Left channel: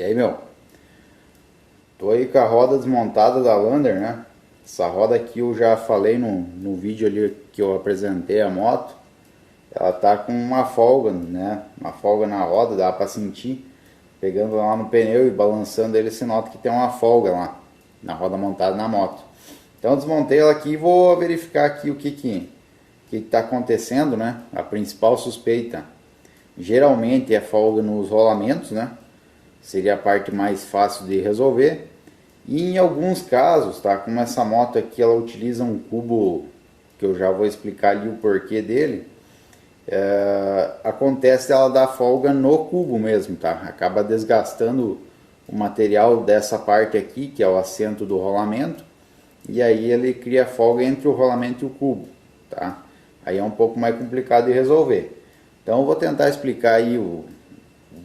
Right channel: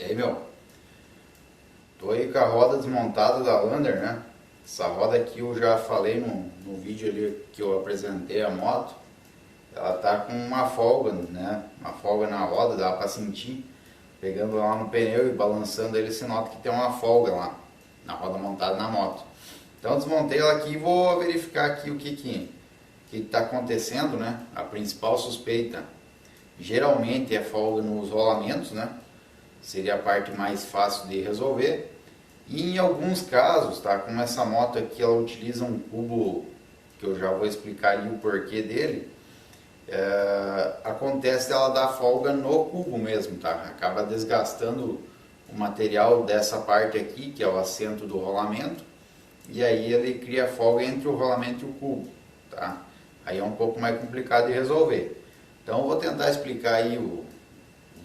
E aí, meu? Tô aí com a roda desmontada da Lander, né? Essa roda aqui eu já falei no vídeo ali que eu apresentei a moto. Ela tá com uma folga, né? Uma folga na roda, dá pra sentir. Pegando lá no pneu e balançando ele, se nota que tem uma folga lá na roda montada na moto. Então eu desmontei ela aqui e vou verificar aqui o que tá acontecendo, né? A principal suspeita geralmente é folga nos rolamentos, né? Seria a parte mais fácil de resolver. E em alguns casos, tá? Como essa moto aqui ela utiliza um cubo que eu já vou explicar ali o porquê dele. Acontece ela dar folga no cubo mesmo, tá? Acaba desgastando o material dessa parte aqui, que é o assento do rolamento, e aí ele cria folga entre o rolamento e o cubo, tá? Aí é um pouco mais complicado de resolver. Então eu vou tentar explicar aí,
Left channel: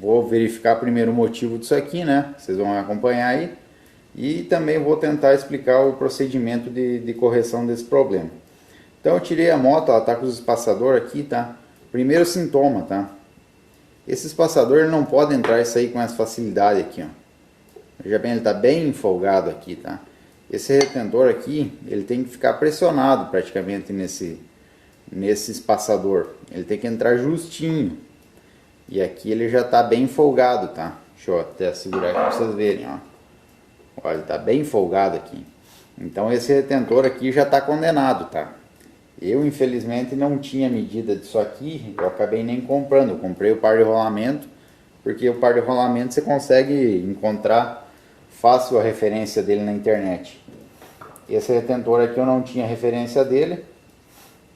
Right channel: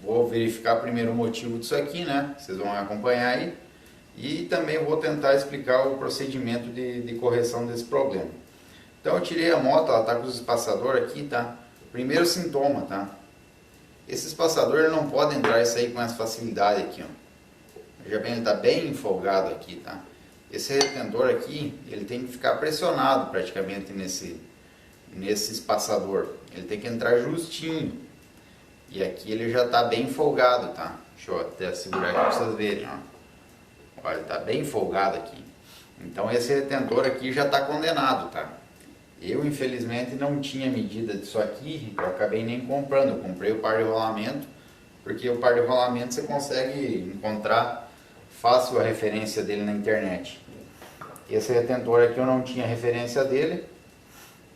vou verificar primeiro o motivo disso aqui, né? Vocês vão acompanhar aí. E também vou tentar explicar o procedimento de correção desse problema. Então eu tirei a moto, ela está com os espaçadores aqui, tá? Primeiro sintoma, tá? Esse espaçador não pode entrar e sair com essa facilidade aqui, ó. Veja bem, ele está bem folgado aqui, tá? Esse retentor aqui, ele tem que ficar pressionado praticamente nesse espaçador. Ele tem que entrar justinho. E aqui ele já está bem folgado, tá? Deixa eu até segurar aqui para vocês verem, ó. Olha, ele está bem folgado aqui. Então esse retentor aqui já está condenado, tá? Eu infelizmente não tinha medida disso aqui, eu acabei nem comprando. Eu comprei o par de rolamento, porque o par de rolamento você consegue encontrar fácil a referência dele na internet. Esse retentor aqui eu não tinha referência dele.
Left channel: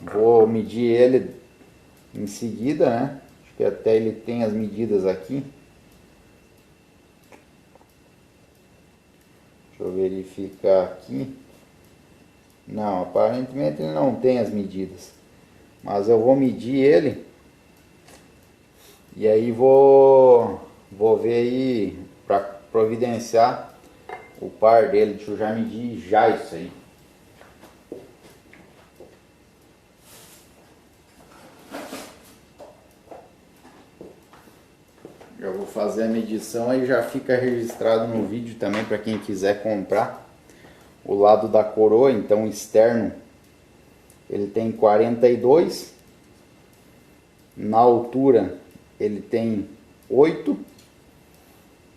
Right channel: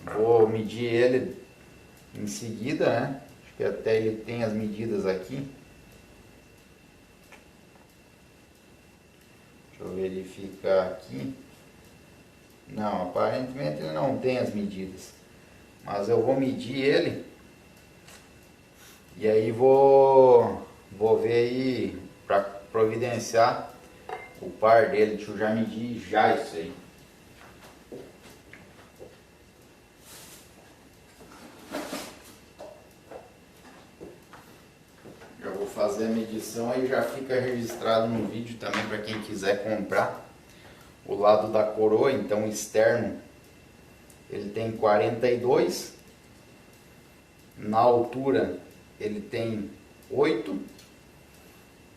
Vou medir ele em seguida, né? Acho que até ele tem as medidas aqui. Deixa eu ver, ele fica aqui. Não, aparentemente ele não tem as medidas. Mas eu vou medir ele. E aí vou ver aí para providenciar o par dele. Deixa eu já medir já isso aí. Já vou fazer a medição aí, já fica registrado no vídeo também para quem quiser comprar. O lado da coroa, então externo, ele tem 42. Na altura ele tem 8.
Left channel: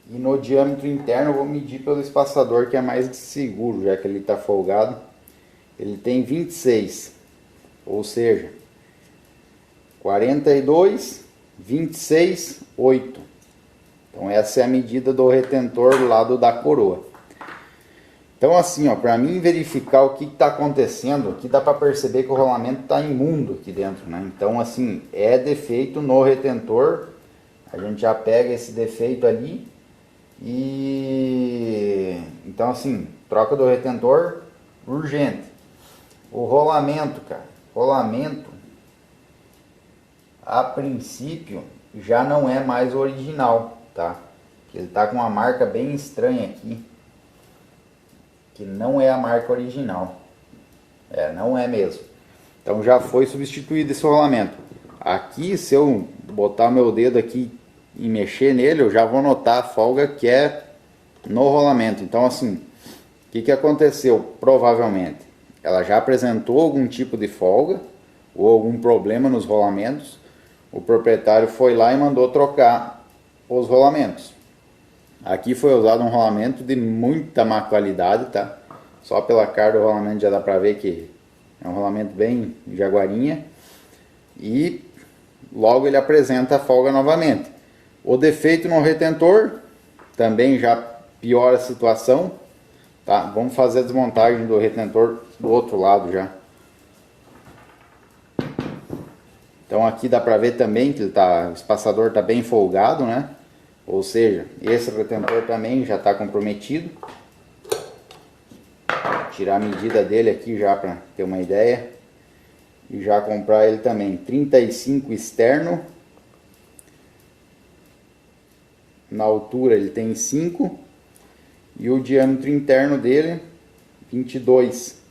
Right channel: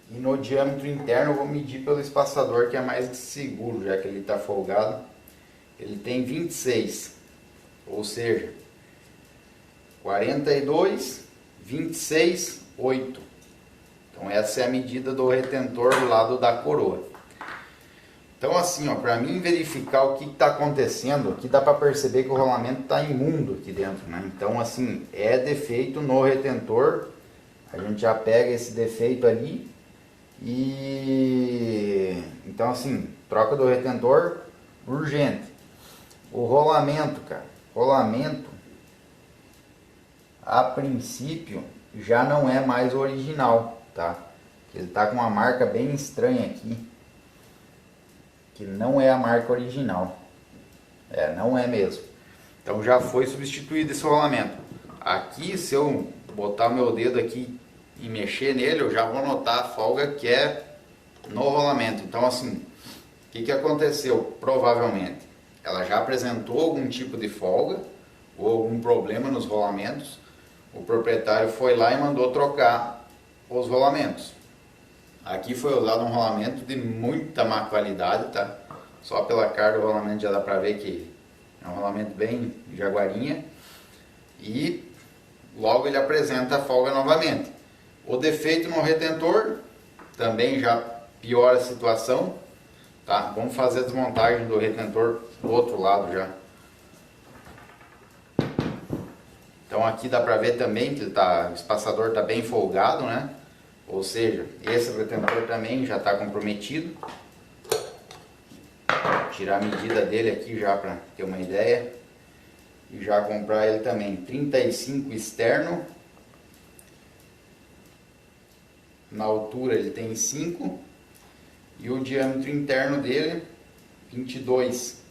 E no diâmetro interno eu vou medir pelo espaçador, que é mais seguro, já que ele está folgado. Ele tem 26, ou seja, 42, 26, 8. Então essa é a medida do retentor do lado da coroa. Então assim, ó, para mim verificar o que está acontecendo, aqui dá para perceber que o rolamento está imundo aqui dentro, né? Então assim, é defeito no retentor. A gente já pega esse defeito ali e então assim, troca do retentor urgente. O rolamento, cara, rolamento a princípio já não é mais original, tá? Ele tá com uma marca bem estranha aqui, que não é a marca original. Não é mesmo. Então já foi substituído esse rolamento. Aqui, se eu botar meu dedo aqui e mexer nele, eu já vou notar a folga que é no rolamento. Então assim, o que aconteceu? Provavelmente ela já apresentou algum tipo de folga ou algum problema nos rolamentos. O proprietário foi lá e mandou trocar os rolamentos. Aqui foi usado um rolamento de muita má qualidade, tá? Só pela cara do rolamento já dá pra ver que é um rolamento bem jaguarinha. E logo ele apresenta a folga novamente. O defeito no retentor também já piora a situação, tá? Vamos fazer a desmontagem do retentor do outro lado já. Então aqui dá pra ver também que o espaçador está bem folgado, né? Ou seja, esse retentor também já está comprometido. Vou tirar a medida dele aqui já para ter uma ideia. E já comprar ele também. 35 externo. Na altura ele tem 5. E o diâmetro interno dele 22.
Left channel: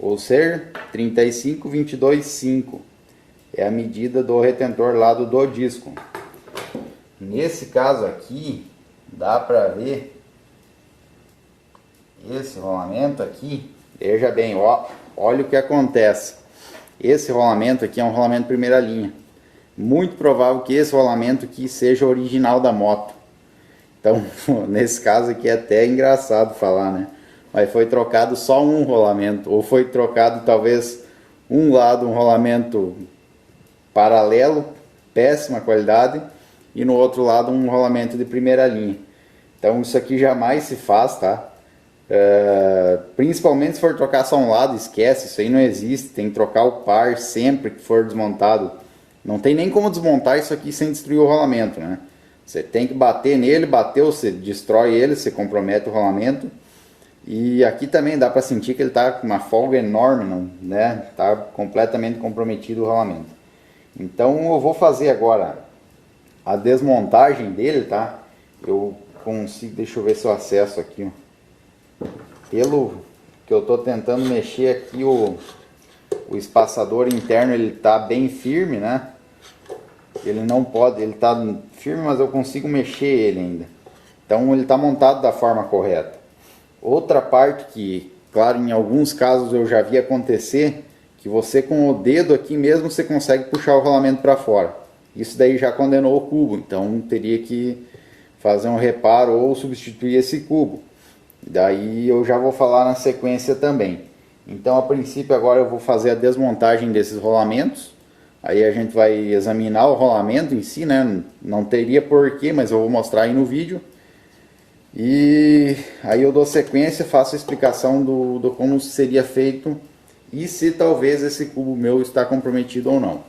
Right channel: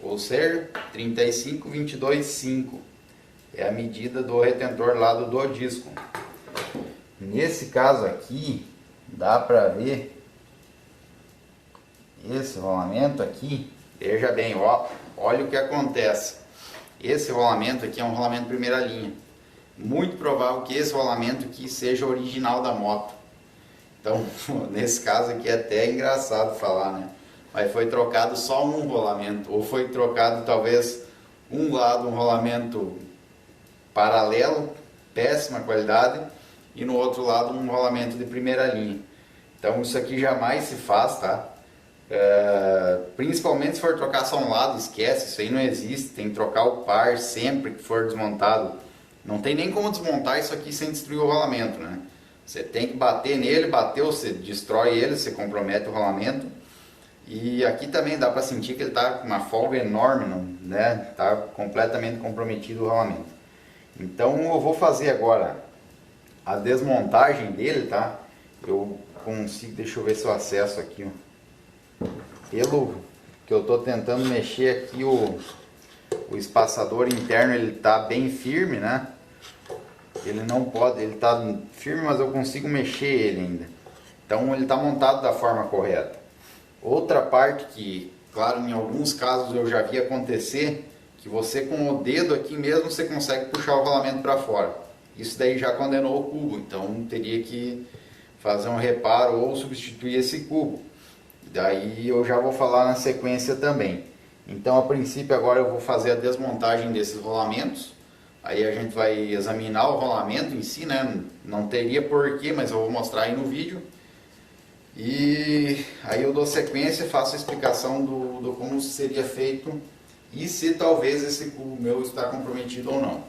Ou seja, 35, 22, 5. É a medida do retentor lado do disco. Nesse caso aqui, dá para ver esse rolamento aqui. Veja bem, ó, olha o que acontece. Esse rolamento aqui é um rolamento primeira linha. Muito provável que esse rolamento aqui seja original da moto. Então, nesse caso aqui é até engraçado falar, né? Mas foi trocado só um rolamento, ou foi trocado talvez um lado, um rolamento paralelo, péssima qualidade, e no outro lado um rolamento de primeira linha. Então isso aqui jamais se faz, tá? Principalmente se for trocar só um lado, esquece, isso aí não existe, tem que trocar o par sempre que for desmontado. Não tem nem como desmontar isso aqui sem destruir o rolamento, né? Você tem que bater nele, bateu, você destrói ele, você compromete o rolamento. E aqui também dá para sentir que ele está com uma folga enorme, não, né? Tá completamente comprometido o rolamento. Então eu vou fazer agora a desmontagem dele, tá? Eu consigo, deixa eu ver se eu acesso aqui, ó. Pelo que eu tô tentando mexer aqui, o espaçador interno ele tá bem firme, né? Ele não pode, ele tá firme, mas eu consigo mexer ele ainda. Então ele tá montado da forma correta. Outra parte que, claro, em alguns casos eu já vi acontecer, que você com o dedo aqui mesmo você consegue puxar o rolamento para fora. Isso daí já condenou o cubo, então teria que fazer um reparo ou substituir esse cubo. Daí eu já vou falar na sequência também. Então a princípio agora eu vou fazer a desmontagem desses rolamentos. Aí a gente vai examinar o rolamento em si, né? Não teria porquê, mas eu vou mostrar aí no vídeo. E aí eu dou sequência, faço a explicação do como seria feito e se talvez esse cubo meu está comprometido ou não.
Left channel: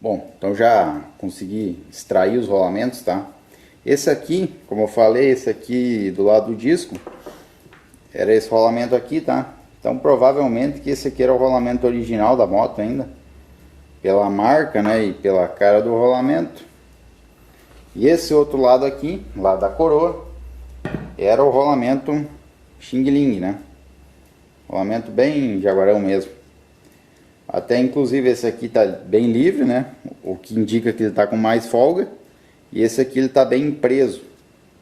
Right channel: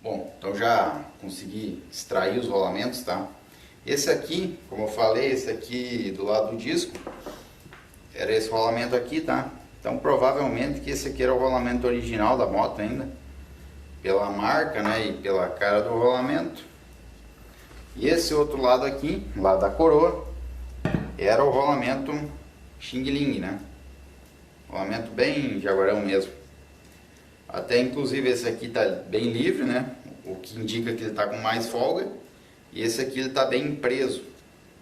Bom, então já consegui extrair os rolamentos, tá? Esse aqui, como eu falei, esse aqui do lado do disco, era esse rolamento aqui, tá? Então provavelmente que esse aqui era o rolamento original da moto ainda, pela marca, né, e pela cara do rolamento. E esse outro lado aqui, lá da coroa, era o rolamento Xing Ling, né? Rolamento bem jaguarão mesmo. Até inclusive esse aqui tá bem livre, né? O que indica que ele tá com mais folga. E esse aqui ele tá bem preso.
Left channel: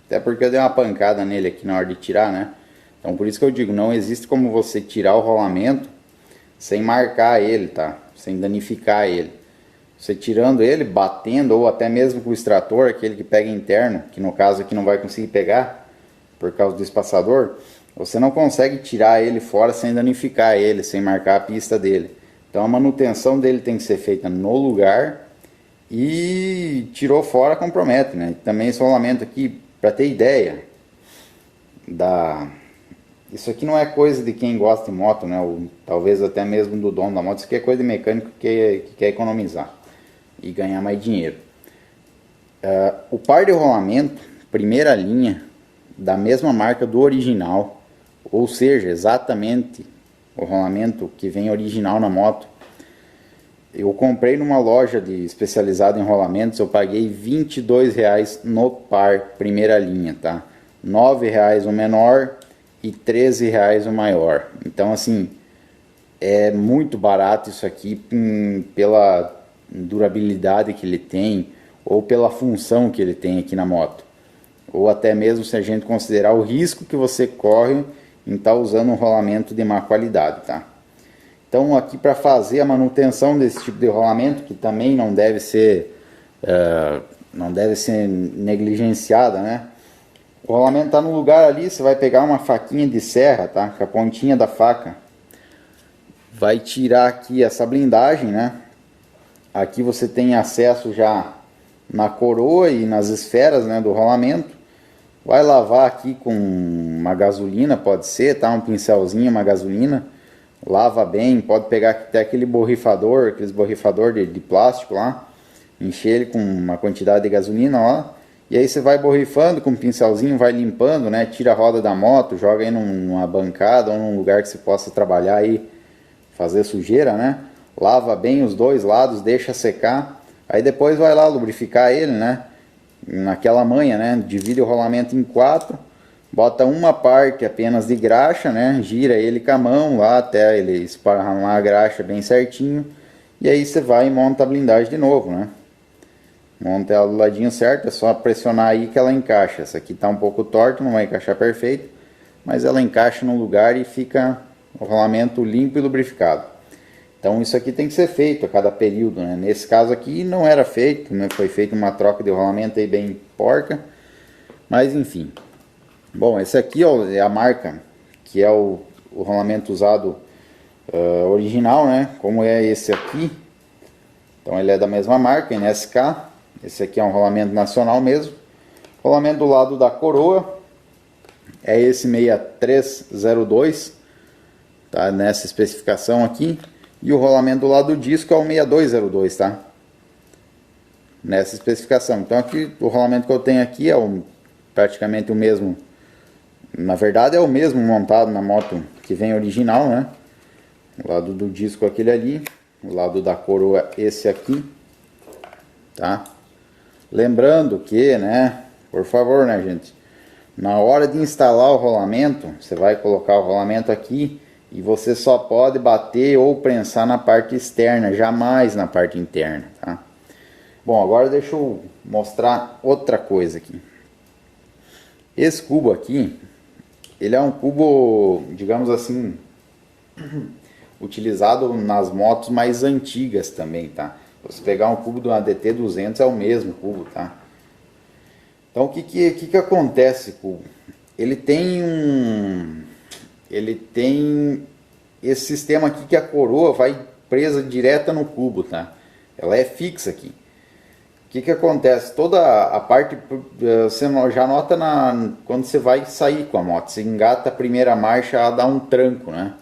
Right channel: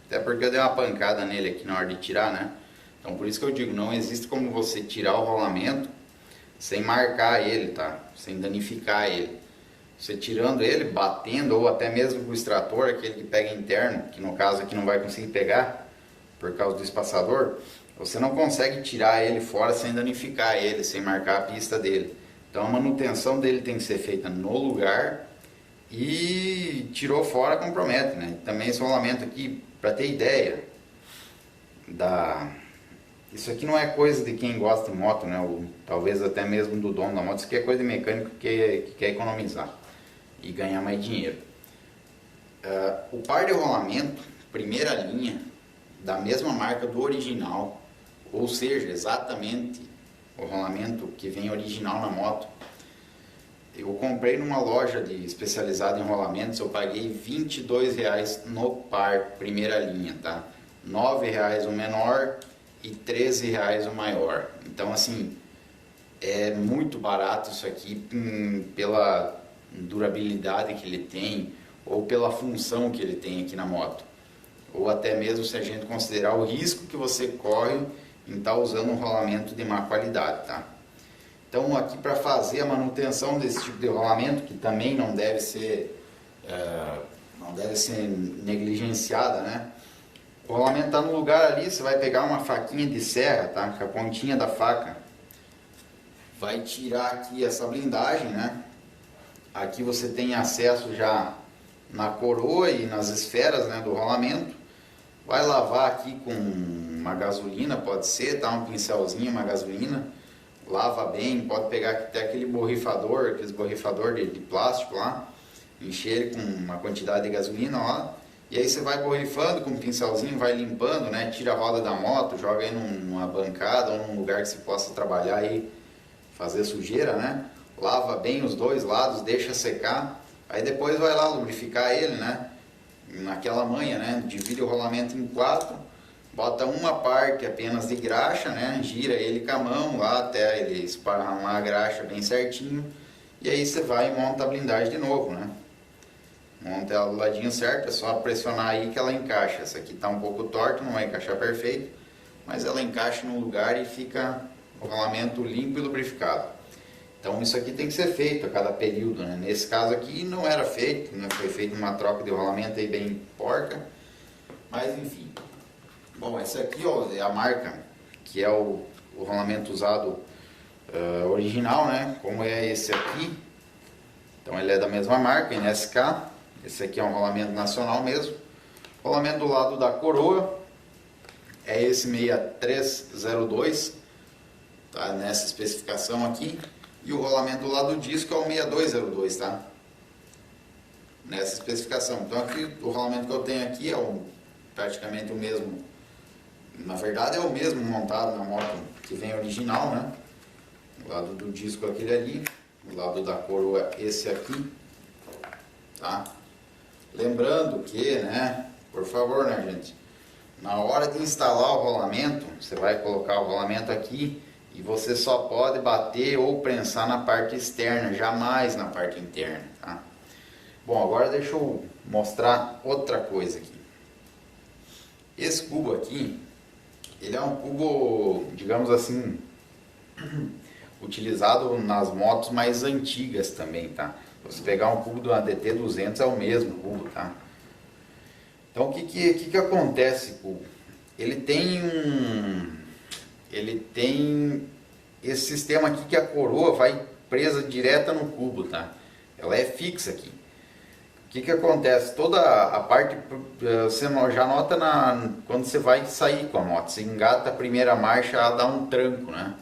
Até porque eu dei uma pancada nele aqui na hora de tirar, né? Então por isso que eu digo, não existe como você tirar o rolamento sem marcar ele, tá? Sem danificar ele. Você tirando ele, batendo, ou até mesmo com o extrator, aquele que pega interno, que no caso aqui não vai conseguir pegar, por causa do espaçador, você não consegue tirar ele fora sem danificar ele, sem marcar a pista dele. Então a manutenção dele tem que ser feita no lugar e tirou fora compromete, né? Também esse rolamento aqui, para ter ideia, isso aqui não é coisa de quem gosta de moto, né? Ou talvez até mesmo do dono da moto, isso aqui é coisa de mecânico que quer economizar e ganhar mais dinheiro. O par de rolamento, primeira linha, da mesma marca do original, ou seja, exatamente o rolamento que vem original na moto. Eu comprei numa loja especializada em rolamentos, eu paguei R$22 no par, primeira linha, tá? R$9 o menor e R$13 o maior. Então assim, é muito barato isso aqui pela durabilidade que ele tem ou pela função que ele tem aqui na moto, ou até mesmo se a gente considerar o risco que você corre em estar usando um rolamento de má qualidade, tá? Então aqui para fazer a manutenção desse tipo de rolamento, que também não deve ser negligenciada, né? O rolamento está no lugar ali, você vai pegar uma faquinha de serra, tá? Com a pontinha da faca, vai tirar aqui essa blindagem, né? Aqui você tem acesso já na coroa e nas esferas, né, do rolamento. Vai lavar aqui com uma gasolina, pode ser, tá? Um pincelzinho, uma gasolina. Lava bem, pode pegar até aquele borrifador, aqueles borrifador de plástico lá. Encher ele com uma quantidade de gasolina lá. E aí você vai borrifando com um pincelzinho, vai limpando, né? Tira a roda da moto, joga aí numa bancada ou num lugar que você possa trabalhar aí, fazer sujeira, né? Lava bem os dois lados, deixa secar. Aí depois vai lá lubrificar ele, né? Naquela manha, né? Divide o rolamento em 4. Bota uma parte apenas de graxa, né? Gira ele com a mão lá até ele esparramar a graxa bem certinho. E aí você vai e monta a blindagem de novo, né? monta ela do ladinho certo, é só pressionar aí que ela encaixa. Essa aqui está um pouco torta, não vai encaixar perfeito, mas ela encaixa no lugar e fica o rolamento limpo e lubrificado. Então isso aqui tem que ser feito a cada período, né? Nesse caso aqui não era feito, né? Foi feita uma troca de rolamento aí bem porca, mas enfim. Bom, esse aqui ó, é a marca, que é o rolamento usado original, né? Como é esse aqui. Então ele é da mesma marca, NSK. Esse aqui é um rolamento nacional mesmo. Rolamento do lado da coroa é esse 6302, tá? Nessa especificação aqui. E o rolamento do lado do disco é o 6202, tá? Nessa especificação. Então aqui o rolamento que eu tenho aqui é praticamente o mesmo. Na verdade é o mesmo montado na moto que vem original, né? O lado do disco aquele ali, o lado da coroa esse aqui, tá? Lembrando que, né, por favor, né, gente, na hora de instalar o rolamento, você vai colocar o rolamento aqui e você só pode bater ou prensar na parte externa, jamais na parte interna, tá? Bom, agora deixa eu mostrar outra coisa aqui. Esse cubo aqui, ele é um cubo, digamos assim, utilizado nas motos mais antigas também, tá? Se você pegar um cubo do ADT 200 é o mesmo cubo, tá? Então o que acontece, cubo? Ele tem esse sistema aqui que a coroa vai presa direta no cubo, tá? Ela é fixa aqui. O que acontece? Toda a parte, você já nota quando você vai sair com a moto, você engata a primeira marcha, ela dá um tranco, né?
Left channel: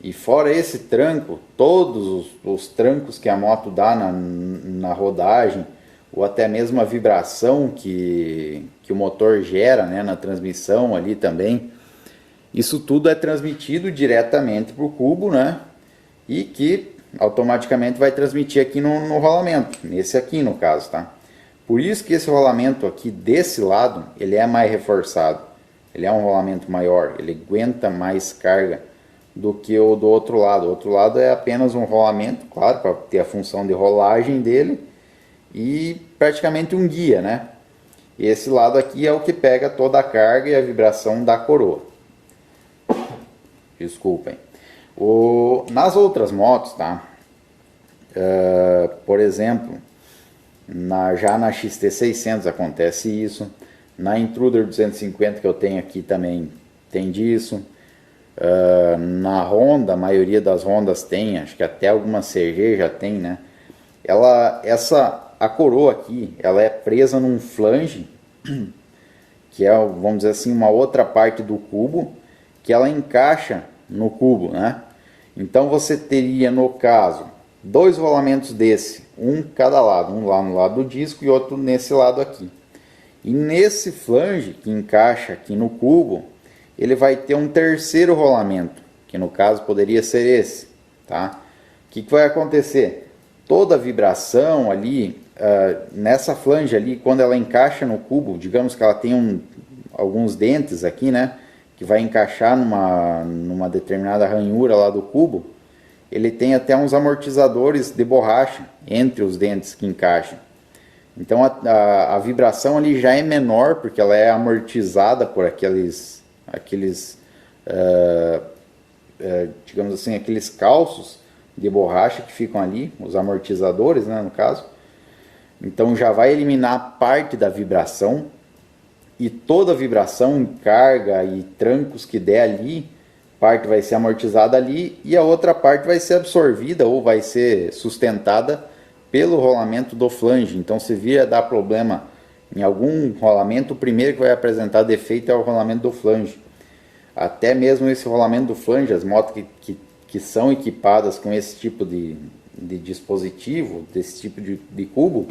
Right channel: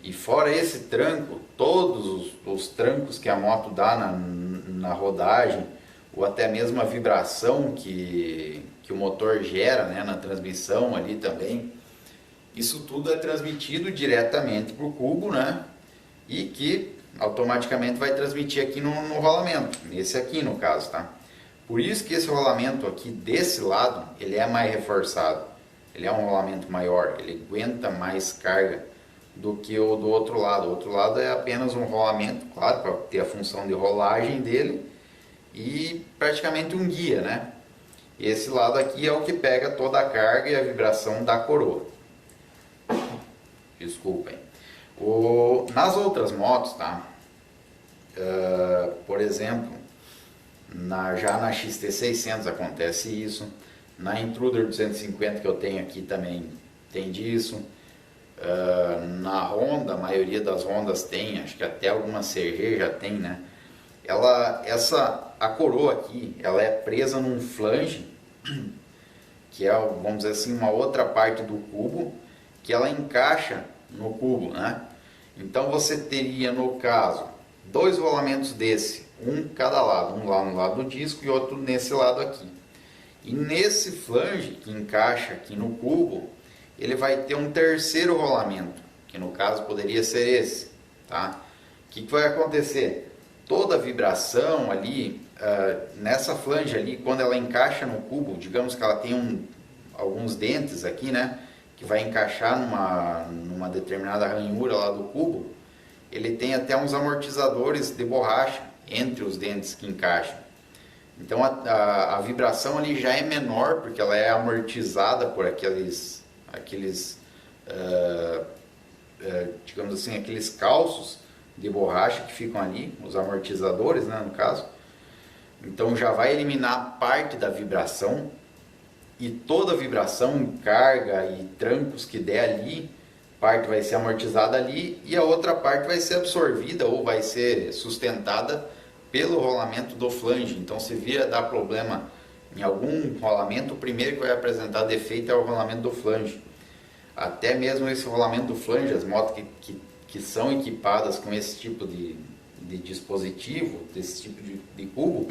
E fora esse tranco, todos os trancos que a moto dá na rodagem, ou até mesmo a vibração que o motor gera, né, na transmissão ali também, isso tudo é transmitido diretamente para o cubo, né? E que automaticamente vai transmitir aqui no rolamento, nesse aqui no caso, tá? Por isso que esse rolamento aqui desse lado, ele é mais reforçado. Ele é um rolamento maior, ele aguenta mais carga do que o do outro lado. O outro lado é apenas um rolamento, claro, para ter a função de rolagem dele e praticamente um guia, né? E esse lado aqui é o que pega toda a carga e a vibração da coroa. Desculpem. Nas outras motos, tá? Por exemplo, já na XT600 acontece isso. Na Intruder 250 que eu tenho aqui também tem disso. Na Honda, a maioria das Hondas tem, acho que até alguma CG já tem, né? A coroa aqui, ela é presa num flange, que é, vamos dizer assim, uma outra parte do cubo, que ela encaixa no cubo, né? Então você teria, no caso, dois rolamentos desse, um cada lado, um lá no lado do disco e outro nesse lado aqui. E nesse flange que encaixa aqui no cubo, ele vai ter um terceiro rolamento, que no caso poderia ser esse, tá? O que vai acontecer? Toda a vibração ali, nessa flange ali, quando ela encaixa no cubo, digamos que ela tem alguns dentes aqui, né? Que vai encaixar numa determinada ranhura lá do cubo, ele tem até uns amortizadores de borracha entre os dentes que encaixam. Então a vibração ali já é menor, porque ela é amortizada por aqueles digamos assim, aqueles calços de borracha que ficam ali, os amortizadores, né, no caso. Então já vai eliminar parte da vibração, e toda a vibração, carga e trancos que der ali, parte vai ser amortizada ali e a outra parte vai ser absorvida ou vai ser sustentada pelo rolamento do flange. Então se vir dar problema em algum rolamento, o primeiro que vai apresentar defeito é o rolamento do flange. Até mesmo esse rolamento do flange, as motos que são equipadas com esse tipo de dispositivo, desse tipo de cubo,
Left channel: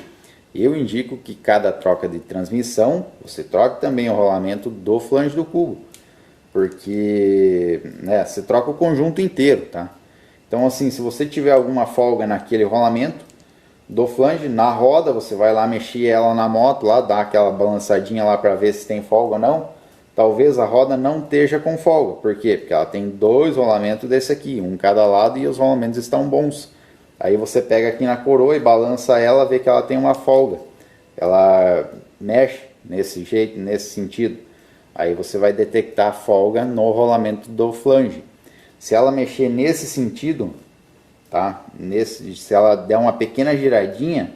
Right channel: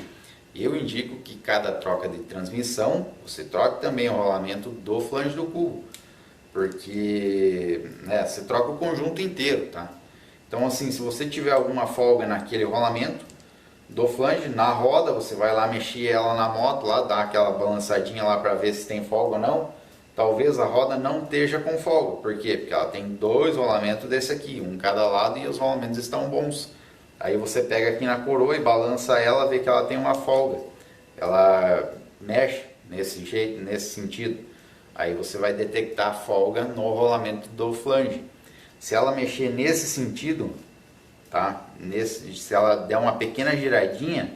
eu indico que cada troca de transmissão, você troque também o rolamento do flange do cubo. Porque, né, você troca o conjunto inteiro, tá? Então assim, se você tiver alguma folga naquele rolamento do flange, na roda, você vai lá mexer ela na moto, lá dar aquela balançadinha lá para ver se tem folga ou não. Talvez a roda não esteja com folga. Por quê? Porque ela tem dois rolamentos desse aqui, um em cada lado, e os rolamentos estão bons. Aí você pega aqui na coroa e balança ela, vê que ela tem uma folga. ela mexe nesse jeito, nesse sentido, aí você vai detectar folga no rolamento do flange. Se ela mexer nesse sentido, tá? Se ela der uma pequena giradinha,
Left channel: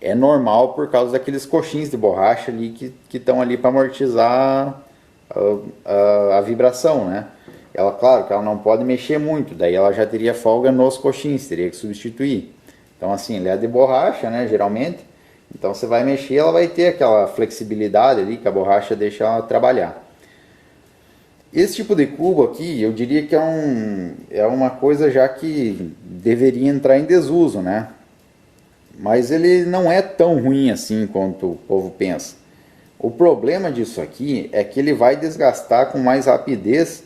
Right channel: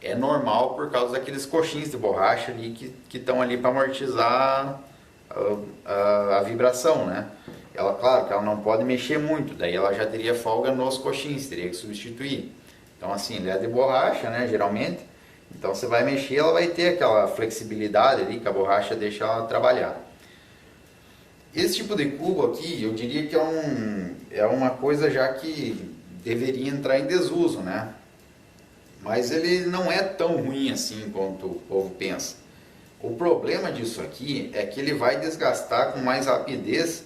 é normal por causa daqueles coxins de borracha ali que estão ali para amortizar a vibração, né? Ela, claro que ela não pode mexer muito, daí ela já teria folga nos coxins, teria que substituir. Então assim, ele é de borracha, né, geralmente. Então você vai mexer, ela vai ter aquela flexibilidade ali que a borracha deixa ela trabalhar. Esse tipo de cubo aqui, eu diria que é uma coisa já que deveria entrar em desuso, né? Mas ele não é tão ruim assim quanto o povo pensa. O problema disso aqui é que ele vai desgastar com mais rapidez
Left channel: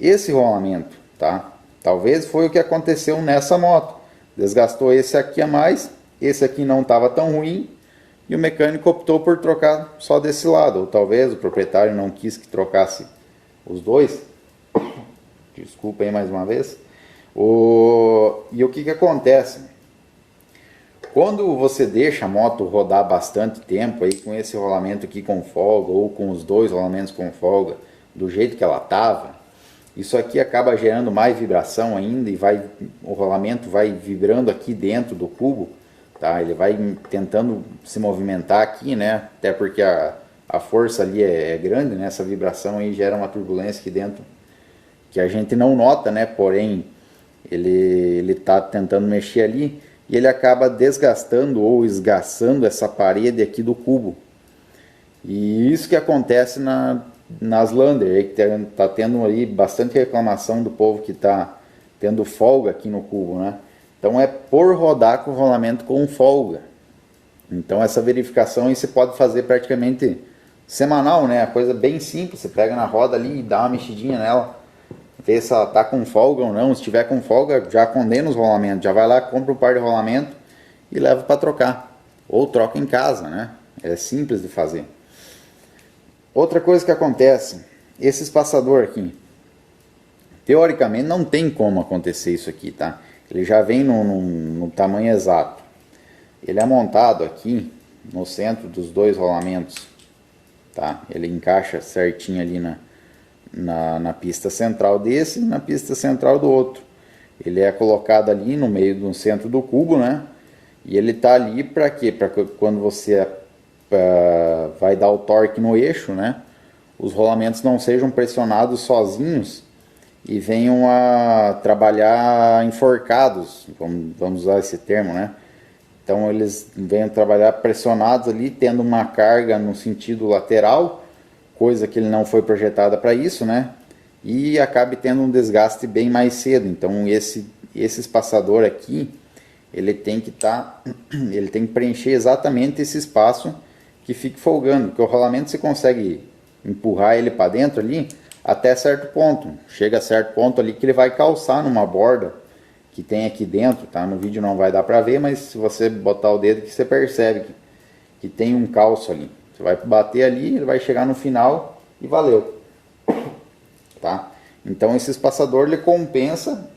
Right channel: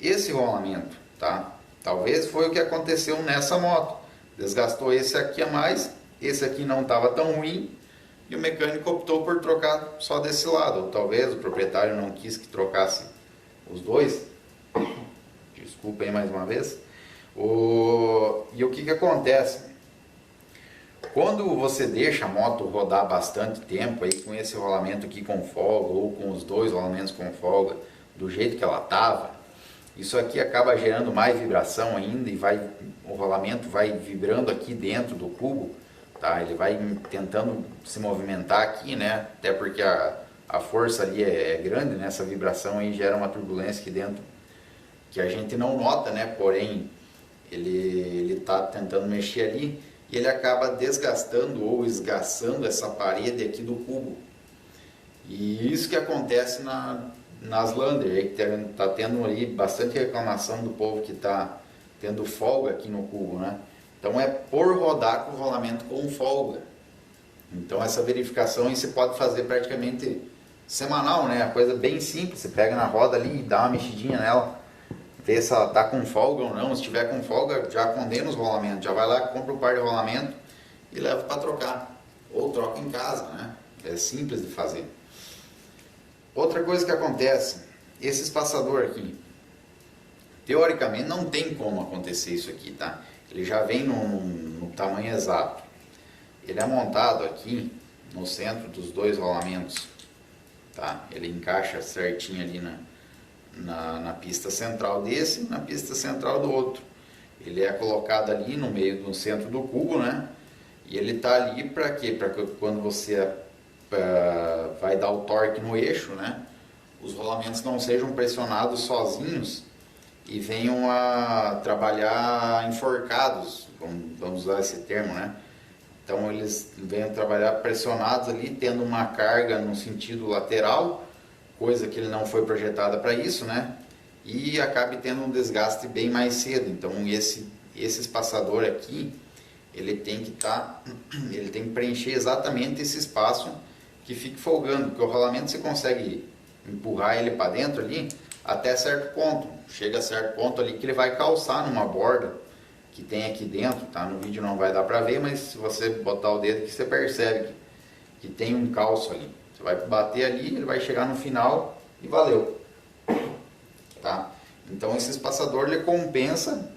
esse rolamento, tá? Talvez foi o que aconteceu nessa moto. Desgastou esse aqui a mais, esse aqui não estava tão ruim e o mecânico optou por trocar só desse lado. Ou talvez o proprietário não quis que trocasse os dois. Desculpa aí mais uma vez. E o que acontece? Quando você deixa a moto rodar bastante tempo aí com esse rolamento aqui com folga ou com os dois rolamentos com folga do jeito que ela estava, isso aqui acaba gerando mais vibração ainda e o rolamento vai vibrando aqui dentro do cubo, tá? Ele vai tentando se movimentar aqui, né? Até porque a força ali é grande, né? Essa vibração aí gera uma turbulência aqui dentro que a gente não nota, né? Porém, ele está tentando mexer ali e ele acaba desgastando ou esgaçando essa parede aqui do cubo. E isso que acontece nas Lander, que está tendo aí bastante reclamação do povo que está tendo folga aqui no cubo, né? Então é por rodar com o rolamento com folga. Então essa verificação aí você pode fazer praticamente semanal, né? Coisa bem simples, você pega na roda ali e dá uma mexidinha nela, ver se ela está com folga ou não. Se tiver com folga, já condena os rolamentos, já vai lá, compra um par de rolamento e leva para trocar. Ou troca em casa, né? É simples de fazer. Outra coisa que acontece, esse espaçador aqui, teoricamente não tem como acontecer isso aqui, tá? Ele já vem no tamanho exato. Ele é montado aqui no centro dos dois rolamentos, tá? Ele encaixa certinho ali na pista central desse e na pista central do outro. Ele é colocado ali no meio do centro do cubo, né? E ele tá ali para quê? Para que quando você vai dar o torque no eixo, né? Os rolamentos não sejam pressionados sozinhos e venham a trabalhar enforcados, vamos usar esse termo, né? Então eles venham trabalhar pressionados ali, tendo uma carga no sentido lateral, coisa que ele não foi projetada para isso, né? E acabe tendo um desgaste bem mais cedo. Então esse espaçador aqui, ele tem que ele tem que preencher exatamente esse espaço que fique folgando, porque o rolamento você consegue empurrar ele para dentro ali até certo ponto. Chega a certo ponto ali que ele vai calçar numa borda que tem aqui dentro, tá? No vídeo não vai dar para ver, mas se você botar o dedo aqui, você percebe que tem um calço ali. Você vai bater ali, ele vai chegar no final e valeu, tá? Então esse espaçador ele compensa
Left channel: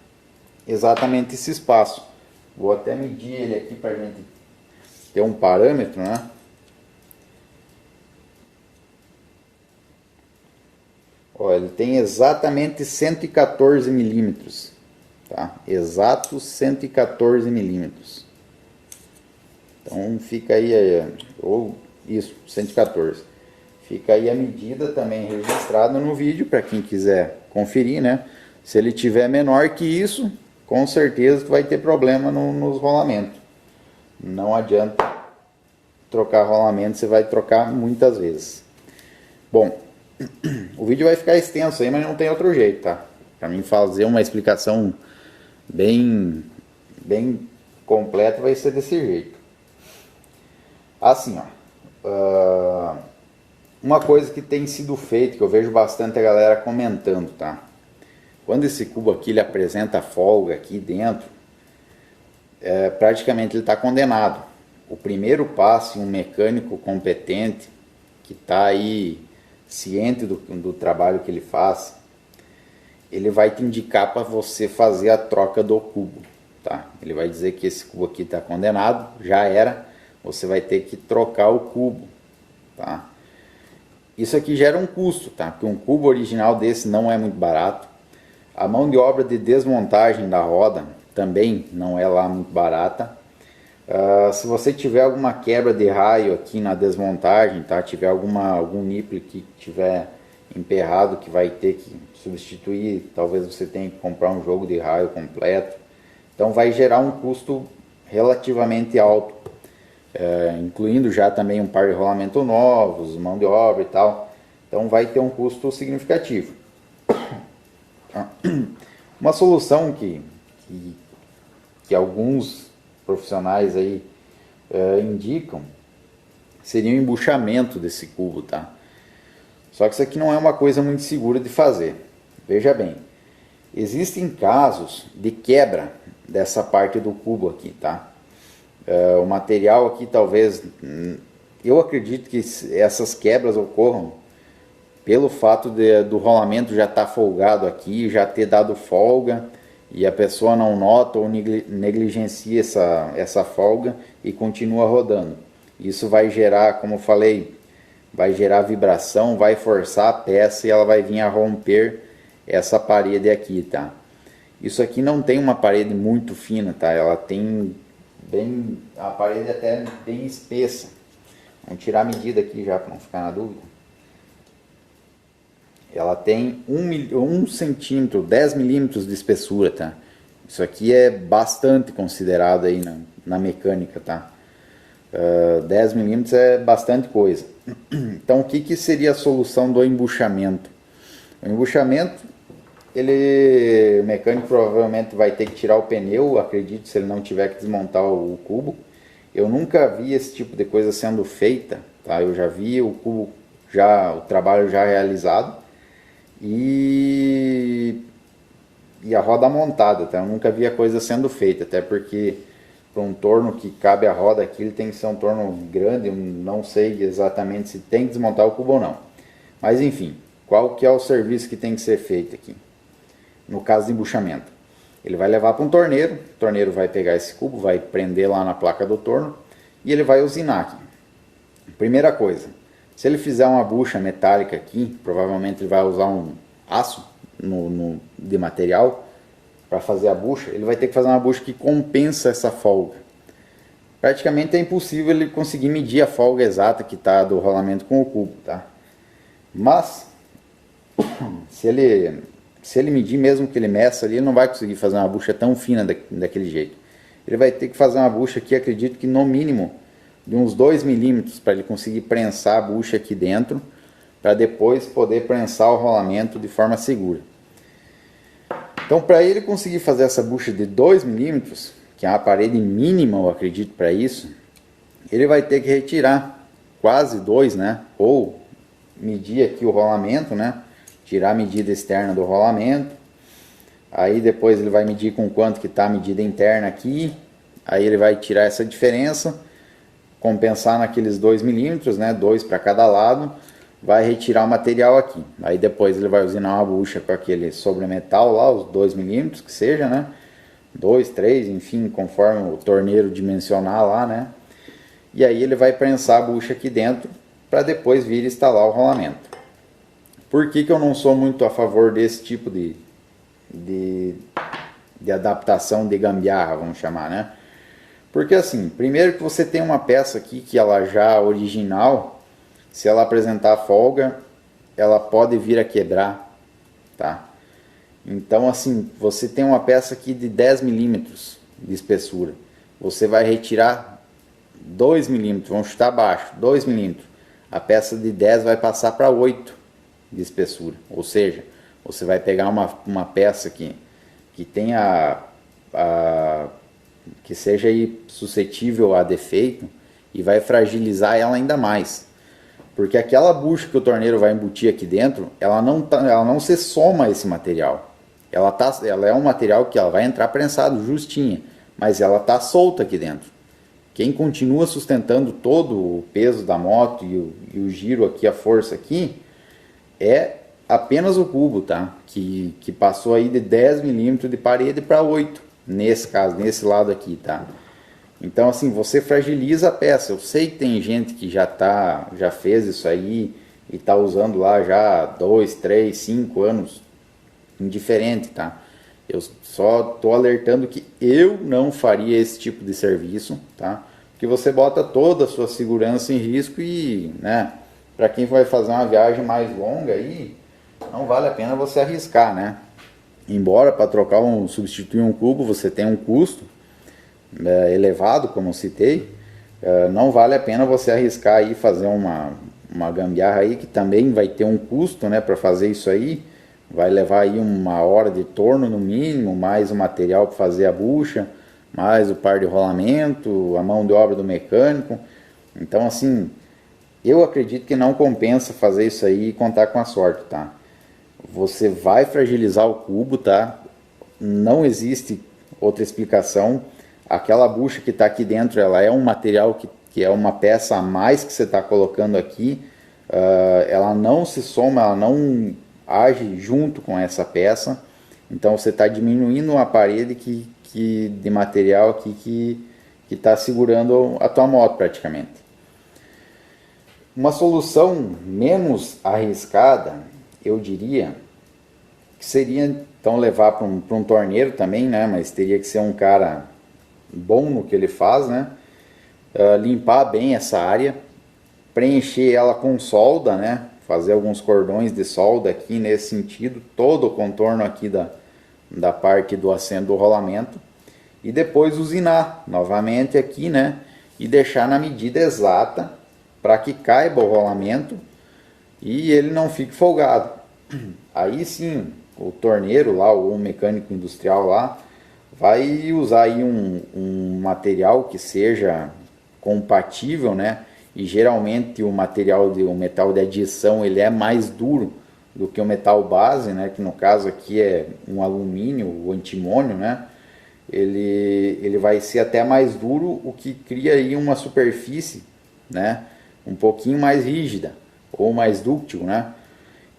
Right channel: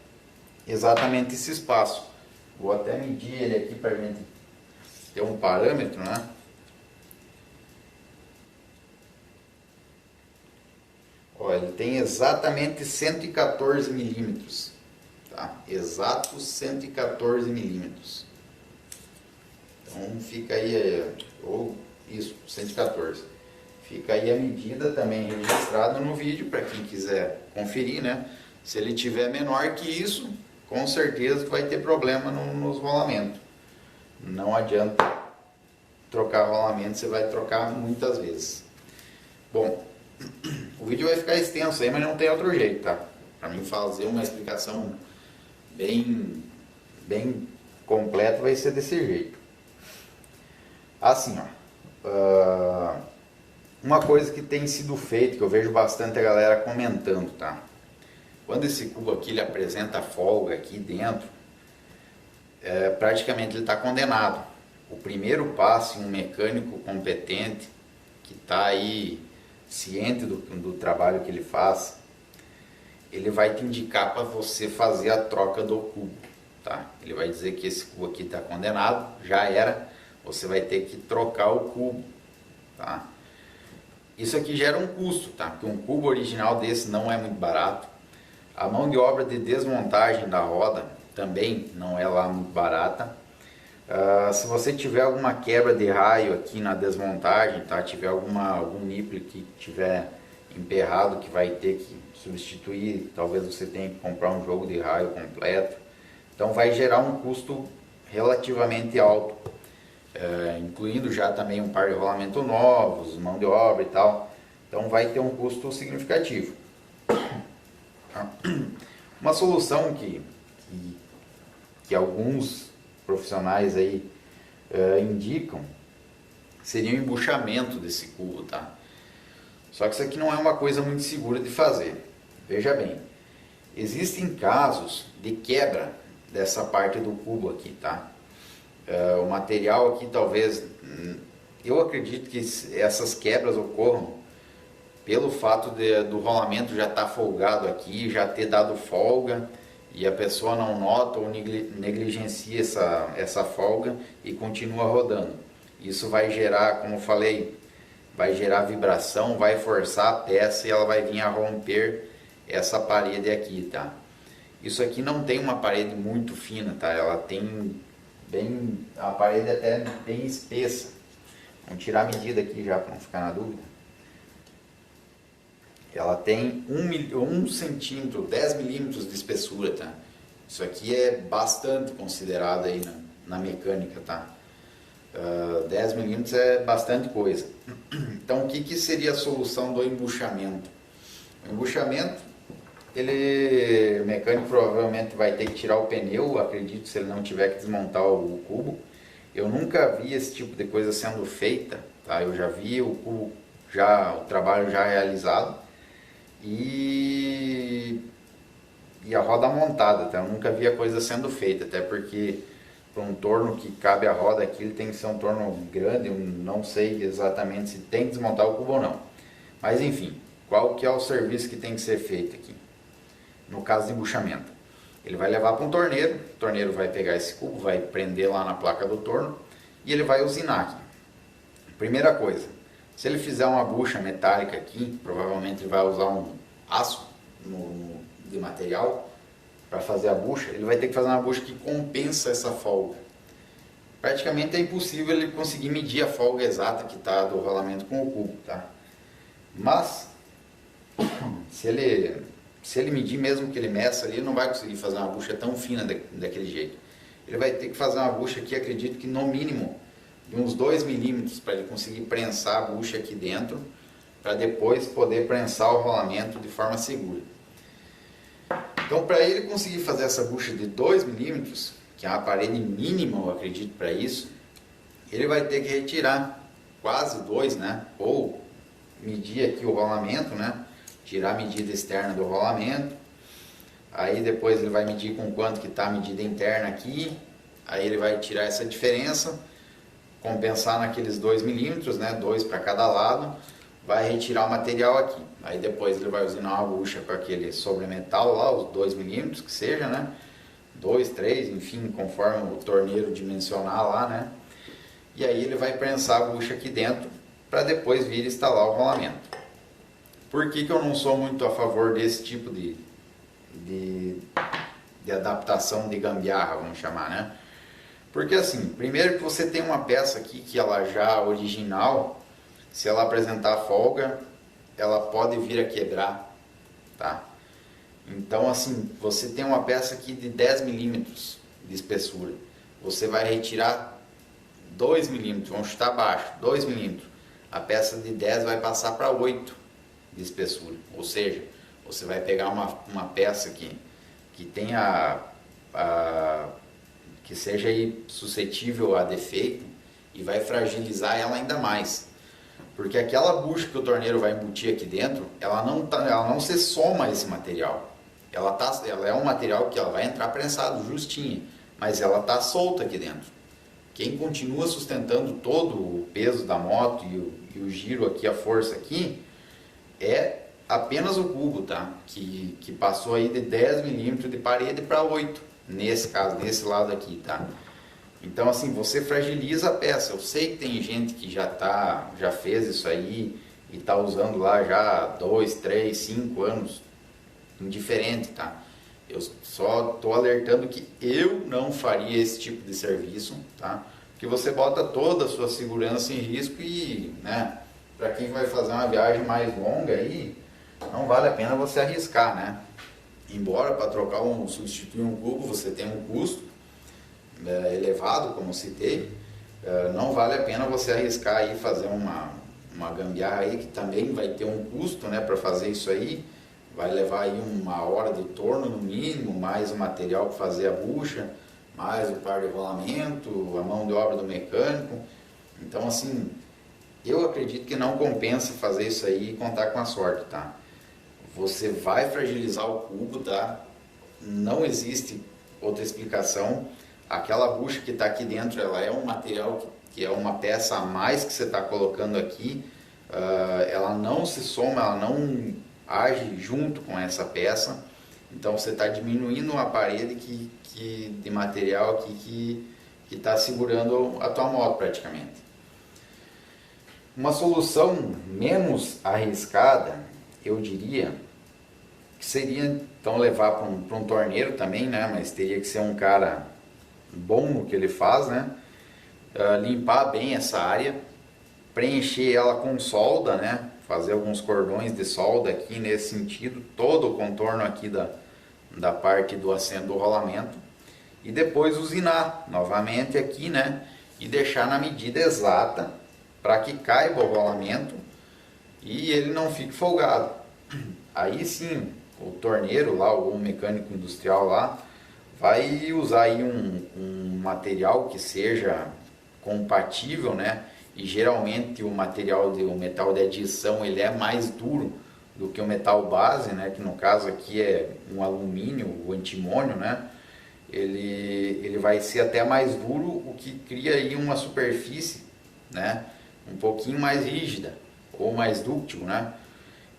exatamente esse espaço. Vou até medir ele aqui para a gente ter um parâmetro, né? Ó, ele tem exatamente 114 milímetros, tá? Exatos 114 milímetros. Então fica aí, ou isso, 114. Fica aí a medida também registrada no vídeo para quem quiser conferir, né? Se ele tiver menor que isso, com certeza vai ter problema nos rolamentos. Não adianta trocar rolamento, você vai trocar muitas vezes. Bom, o vídeo vai ficar extenso aí, mas não tem outro jeito, tá? Para mim fazer uma explicação bem completa vai ser desse jeito. Assim, ó. Uma coisa que tem sido feito, que eu vejo bastante a galera comentando, tá? Quando esse cubo aqui ele apresenta folga aqui dentro, praticamente ele está condenado. O primeiro passo, um mecânico competente, que está aí ciente do trabalho que ele faz, ele vai te indicar para você fazer a troca do cubo, tá? Ele vai dizer que esse cubo aqui está condenado, já era, você vai ter que trocar o cubo, tá? Isso aqui gera um custo, tá? Porque um cubo original desse não é muito barato. A mão de obra de desmontagem da roda também não é lá muito barata. Se você tiver alguma quebra de raio aqui na desmontagem, tá? Tiver algum nipple que tiver emperrado que vai ter que substituir, talvez você tenha que comprar um jogo de raio completo. Então vai gerar um custo relativamente alto, incluindo já também um par de rolamento novos, mão de obra e tal. Então vai ter um custo significativo. Uma solução que alguns profissionais aí indicam seria o embuchamento desse cubo, tá? Só que isso aqui não é uma coisa muito segura de fazer. Veja bem, existem casos de quebra dessa parte do cubo aqui, tá? O material aqui talvez, eu acredito que essas quebras ocorram pelo fato do rolamento já estar folgado aqui, já ter dado folga, e a pessoa não nota ou negligencia essa folga e continua rodando. Isso vai gerar, como eu falei, vai gerar vibração, vai forçar a peça e ela vai vir a romper essa parede aqui, tá? Isso aqui não tem uma parede muito fina, tá? Ela tem a parede até bem espessa. Vamos tirar a medida aqui já para não ficar na dúvida. Ela tem 1 centímetro, 10 milímetros de espessura, tá? Isso aqui é bastante considerado aí na mecânica, tá? 10 milímetros é bastante coisa. Então, o que seria a solução do embuchamento? O embuchamento, o mecânico provavelmente vai ter que tirar o pneu, acredito, se ele não tiver que desmontar o cubo. Eu nunca vi esse tipo de coisa sendo feita, tá? Eu já vi o cubo, o trabalho já realizado. E a roda montada, tá? Eu nunca vi a coisa sendo feita, até porque para um torno que cabe a roda aqui, ele tem que ser um torno grande. Eu não sei exatamente se tem que desmontar o cubo ou não. Mas enfim, qual que é o serviço que tem que ser feito aqui? No caso de embuchamento, ele vai levar para um torneiro, o torneiro vai pegar esse cubo, vai prender lá na placa do torno e ele vai usinar aqui. Primeira coisa, se ele fizer uma bucha metálica aqui, provavelmente ele vai usar um aço de material para fazer a bucha. Ele vai ter que fazer uma bucha que compensa essa folga. Praticamente é impossível ele conseguir medir a folga exata que está do rolamento com o cubo, tá? Mas se ele medir, mesmo que ele meça ali, ele não vai conseguir fazer uma bucha tão fina daquele jeito. Ele vai ter que fazer uma bucha aqui, acredito que no mínimo de uns 2 milímetros para ele conseguir prensar a bucha aqui dentro, para depois poder prensar o rolamento de forma segura. Então, para ele conseguir fazer essa bucha de 2 milímetros, que é a parede mínima, eu acredito, para isso, ele vai ter que retirar quase 2, né? Ou medir aqui o rolamento, né? Tirar a medida externa do rolamento. Aí depois ele vai medir com quanto que está a medida interna aqui. Aí ele vai tirar essa diferença, compensar naqueles 2 milímetros, né? 2 para cada lado. Vai retirar o material aqui. Aí depois ele vai usinar uma bucha com aquele sobremetal lá, os 2 milímetros que seja, né? 2, 3, enfim, conforme o torneiro dimensionar lá, né? E aí ele vai prensar a bucha aqui dentro para depois vir instalar o rolamento. Por que eu não sou muito a favor desse tipo de adaptação de gambiarra, vamos chamar, né? Porque assim, primeiro que você tem uma peça aqui que ela já original, se ela apresentar folga, ela pode vir a quebrar, tá? Então assim, você tem uma peça aqui de 10 milímetros de espessura, você vai retirar 2 milímetros, vamos chutar abaixo, 2 milímetros, a peça de 10 vai passar para 8 de espessura, ou seja, você vai pegar uma peça aqui que tenha que seja aí suscetível a defeito e vai fragilizar ela ainda mais, porque aquela bucha que o torneiro vai embutir aqui dentro, ela não se soma a esse material, ela é um material que ela vai entrar prensado justinha, mas ela está solta aqui dentro. Quem continua sustentando todo o peso da moto e o giro aqui, a força aqui, é apenas o cubo, tá? Que passou aí de 10 milímetros de parede para 8, nesse caso, nesse lado aqui, tá? Então assim, você fragiliza a peça. Eu sei que tem gente que já fez isso aí e está usando lá já 2, 3, 5 anos, indiferente, tá? Eu só estou alertando que eu não faria esse tipo de serviço, tá? Que você bota toda a sua segurança em risco e, né, para quem vai fazer uma viagem mais longa aí, não vale a pena você arriscar, né? Embora para substituir um cubo você tenha um custo elevado, como eu citei, não vale a pena você arriscar aí fazer uma gambiarra aí que também vai ter um custo, né, para fazer isso aí. Vai levar aí 1 hora de torno no mínimo, mais o material para fazer a bucha, mais o par de rolamento, a mão de obra do mecânico. Então assim, eu acredito que não compensa fazer isso aí e contar com a sorte, tá? Você vai fragilizar o cubo, tá? Não existe outra explicação. Aquela bucha que está aqui dentro, ela é um material que é uma peça a mais que você está colocando aqui. Ela não se soma, ela não age junto com essa peça. Então você está diminuindo uma parede de material aqui que está segurando a tua moto praticamente. Uma solução menos arriscada, eu diria, que seria então levar para um torneiro também, né? Mas teria que ser um cara bom no que ele faz, né? Limpar bem essa área, preencher ela com solda, né? Fazer alguns cordões de solda aqui nesse sentido, todo o contorno aqui da parte do assento do rolamento, e depois usinar novamente aqui, né? E deixar na medida exata para que caiba o rolamento e ele não fique folgado. Aí sim, o torneiro lá, ou o mecânico industrial lá, vai usar aí um material que seja compatível, né? E geralmente o metal de adição, ele é mais duro do que o metal base, né? Que no caso aqui é um alumínio, o antimônio, né? Ele vai ser até mais duro, o que cria aí uma superfície, né? Um pouquinho mais rígida ou mais dúctil, né?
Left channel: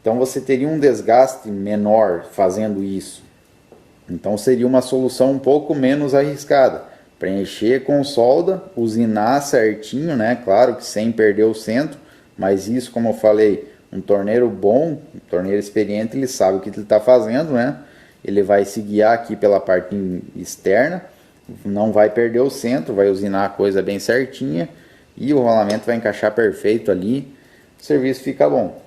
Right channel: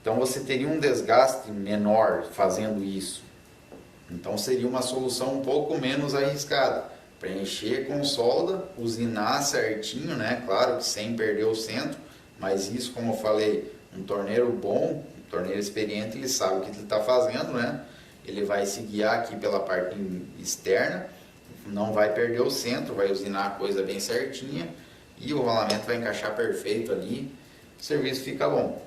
Então você teria um desgaste menor fazendo isso. Então seria uma solução um pouco menos arriscada. Preencher com solda, usinar certinho, né? Claro que sem perder o centro, mas isso, como eu falei, um torneiro bom, um torneiro experiente, ele sabe o que ele está fazendo, né? Ele vai se guiar aqui pela parte externa, não vai perder o centro, vai usinar a coisa bem certinha e o rolamento vai encaixar perfeito ali, o serviço fica bom.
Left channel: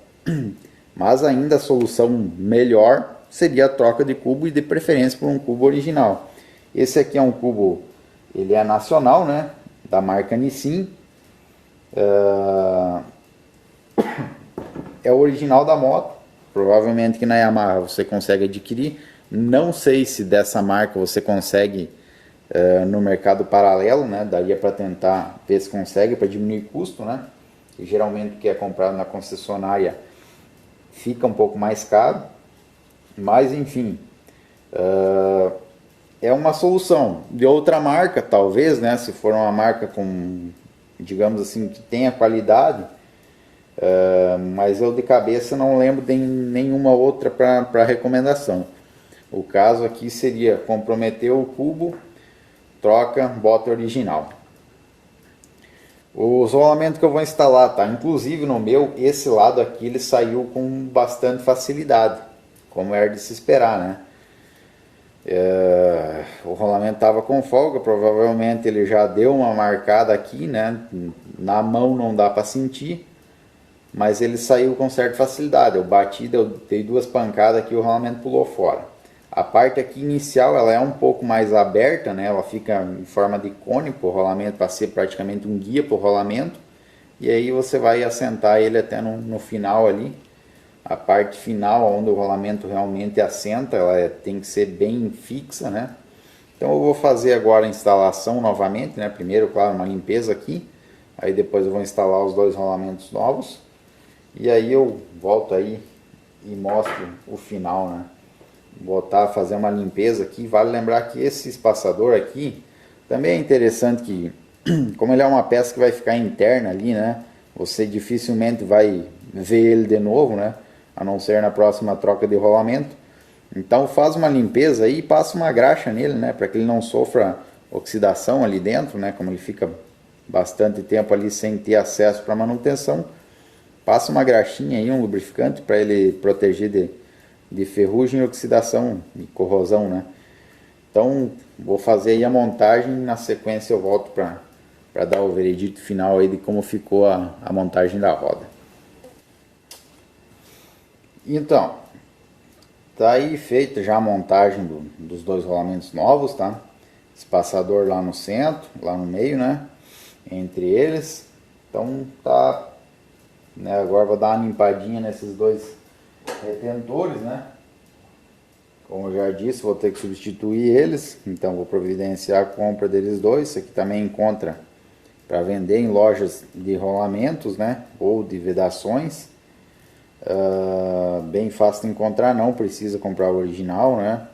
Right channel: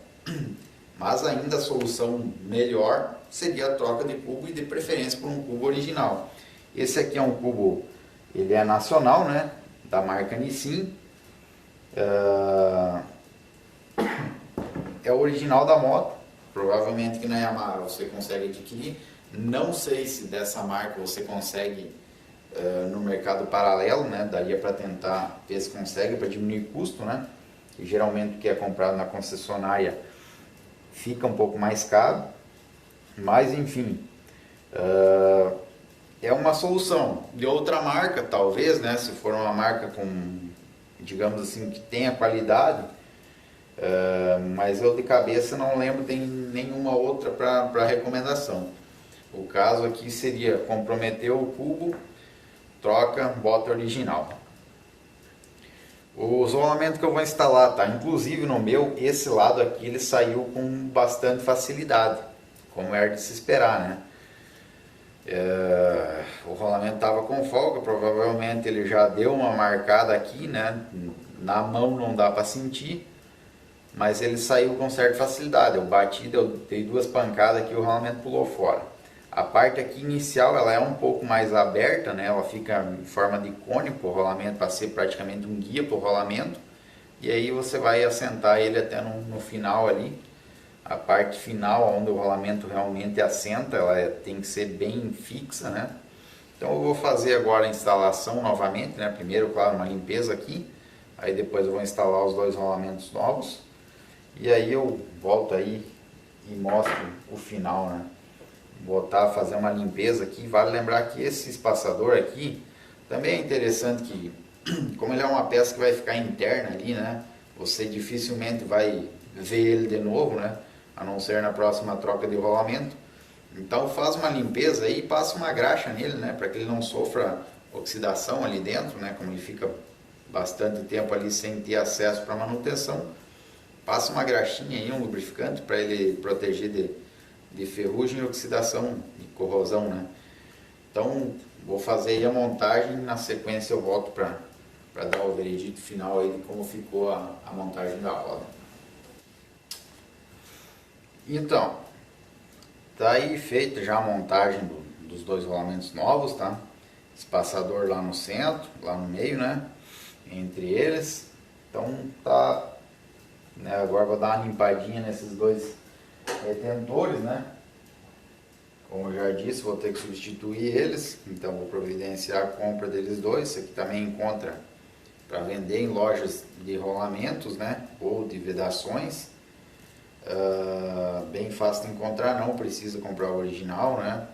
Mas ainda a solução melhor seria a troca de cubo e de preferência por um cubo original. Esse aqui é um cubo, ele é nacional, né, da marca Nissin, é o original da moto, provavelmente que na Yamaha você consegue adquirir, não sei se dessa marca você consegue no mercado paralelo, né, daria para tentar ver se consegue para diminuir custo, né, que geralmente que é comprado na concessionária fica um pouco mais caro, mas enfim, é uma solução. De outra marca, talvez, né, se for uma marca com, digamos assim, que tenha qualidade, mas eu de cabeça não lembro de nenhuma outra para recomendação. O caso aqui seria comprometer o cubo, troca, bota original. Os rolamentos que eu vou instalar, tá? Inclusive no meu, esse lado aqui ele saiu com bastante facilidade, como era de se esperar, né? O rolamento estava com folga, provavelmente ele já deu uma marcada aqui, né? Na mão não dá para sentir, mas ele saiu com certa facilidade. Eu bati, dei 2 pancadas aqui, o rolamento pulou fora. A parte aqui inicial ela é um pouco mais aberta, né? Ela fica em forma de cone para o rolamento, para ser praticamente um guia para o rolamento. E aí você vai assentar ele até no final ali. A parte final, onde o rolamento realmente assenta, ela tem que ser bem fixa, né? Então eu vou fazer agora a instalação novamente, né? Primeiro, claro, uma limpeza aqui. Aí depois eu vou instalar os 2 rolamentos novos. E aí eu volto aí e mostro o final, né? Fazer uma limpeza aqui. Vale lembrar que esse espaçador aqui também é interessante que, como ele é uma peça que vai ficar interna ali, né? Você dificilmente vai ver ele de novo, né? A não ser na próxima troca de rolamento. Então faz uma limpeza aí e passa uma graxa nele, né? Para que ele não sofra oxidação ali dentro, né? Como ele fica bastante tempo ali sem ter acesso para manutenção, passa uma graxinha aí, um lubrificante para ele proteger de ferrugem e oxidação, de corrosão, né? Então vou fazer aí a montagem, na sequência eu volto para dar o veredito final aí de como ficou a montagem da roda. Então, tá aí feita já a montagem dos dois rolamentos novos, tá? Espaçador lá no centro, lá no meio, né? Entre eles. Então tá, né? Agora vou dar uma limpadinha nesses dois retentores, né? Como eu já disse, vou ter que substituir eles, então vou providenciar a compra deles dois. Esse aqui também encontra para vender em lojas de rolamentos, né? Ou de vedações. Bem fácil de encontrar, não precisa comprar o original, né?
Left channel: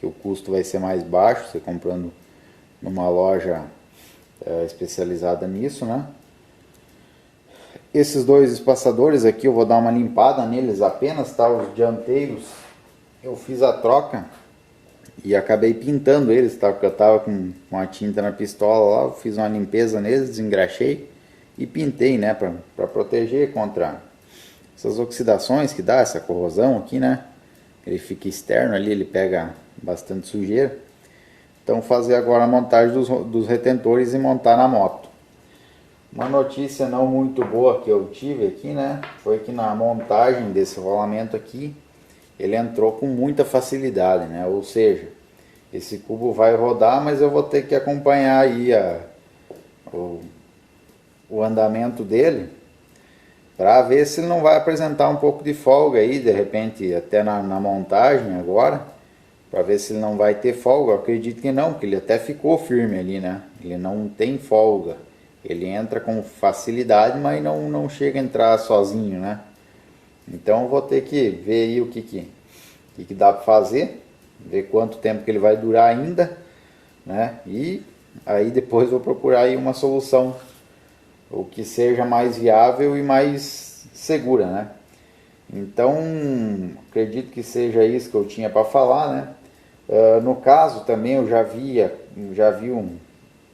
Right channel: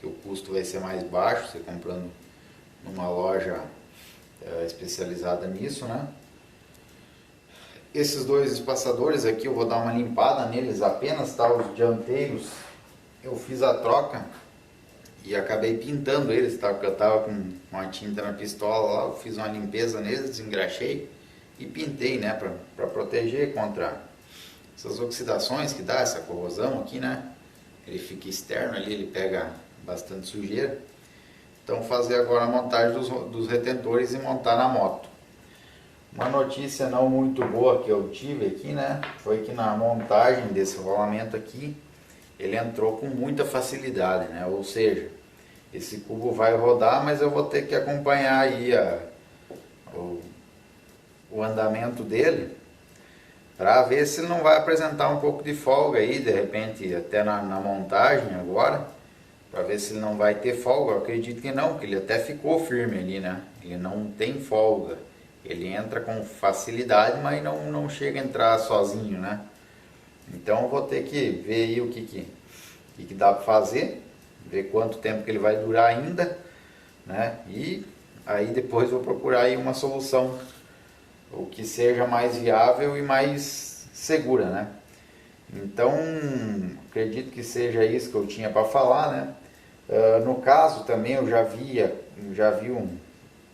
Que o custo vai ser mais baixo, você comprando numa loja especializada nisso, né? Esses dois espaçadores aqui eu vou dar uma limpada neles apenas, tá? Os dianteiros eu fiz a troca e acabei pintando eles, tá? Porque eu tava com uma tinta na pistola lá, eu fiz uma limpeza neles, desengraxei e pintei, né? Para proteger contra essas oxidações que dá, essa corrosão aqui, né? Ele fica externo ali, ele pega bastante sujeira. Então fazer agora a montagem dos retentores e montar na moto. Uma notícia não muito boa que eu tive aqui, né? Foi que na montagem desse rolamento aqui, ele entrou com muita facilidade, né? Ou seja, esse cubo vai rodar, mas eu vou ter que acompanhar aí o andamento dele, para ver se ele não vai apresentar um pouco de folga aí, de repente, até na montagem agora, para ver se ele não vai ter folga. Eu acredito que não, porque ele até ficou firme ali, né? Ele não tem folga, ele entra com facilidade, mas não chega a entrar sozinho, né? Então eu vou ter que ver aí o que dá para fazer, ver quanto tempo que ele vai durar ainda, né? E aí depois vou procurar aí uma solução, o que seja mais viável e mais segura, né? Então, acredito que seja isso que eu tinha para falar, né? No caso também eu já vi um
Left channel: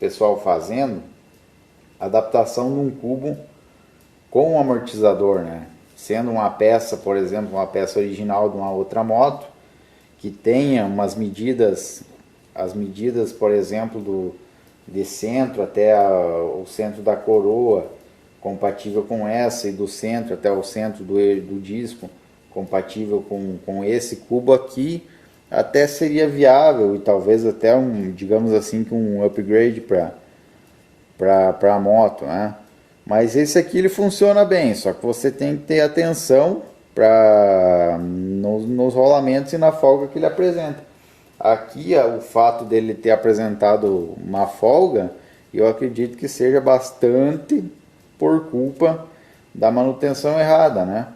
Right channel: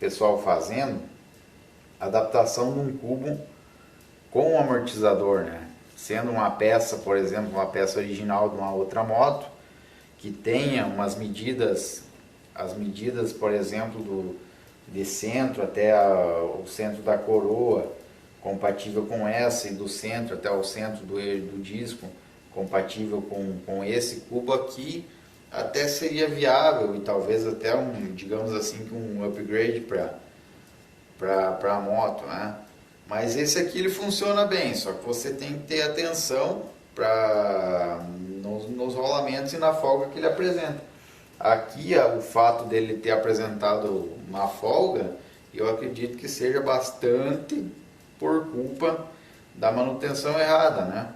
pessoal fazendo adaptação num cubo com um amortizador, né? Sendo uma peça, por exemplo, uma peça original de uma outra moto, que tenha umas medidas, as medidas, por exemplo, de centro até o centro da coroa, compatível com essa, e do centro até o centro do disco, compatível com esse cubo aqui, até seria viável, e talvez até digamos assim, um upgrade para a moto, né? Mas esse aqui ele funciona bem, só que você tem que ter atenção nos rolamentos e na folga que ele apresenta. Aqui o fato dele ter apresentado uma folga, eu acredito que seja bastante por culpa da manutenção errada, né?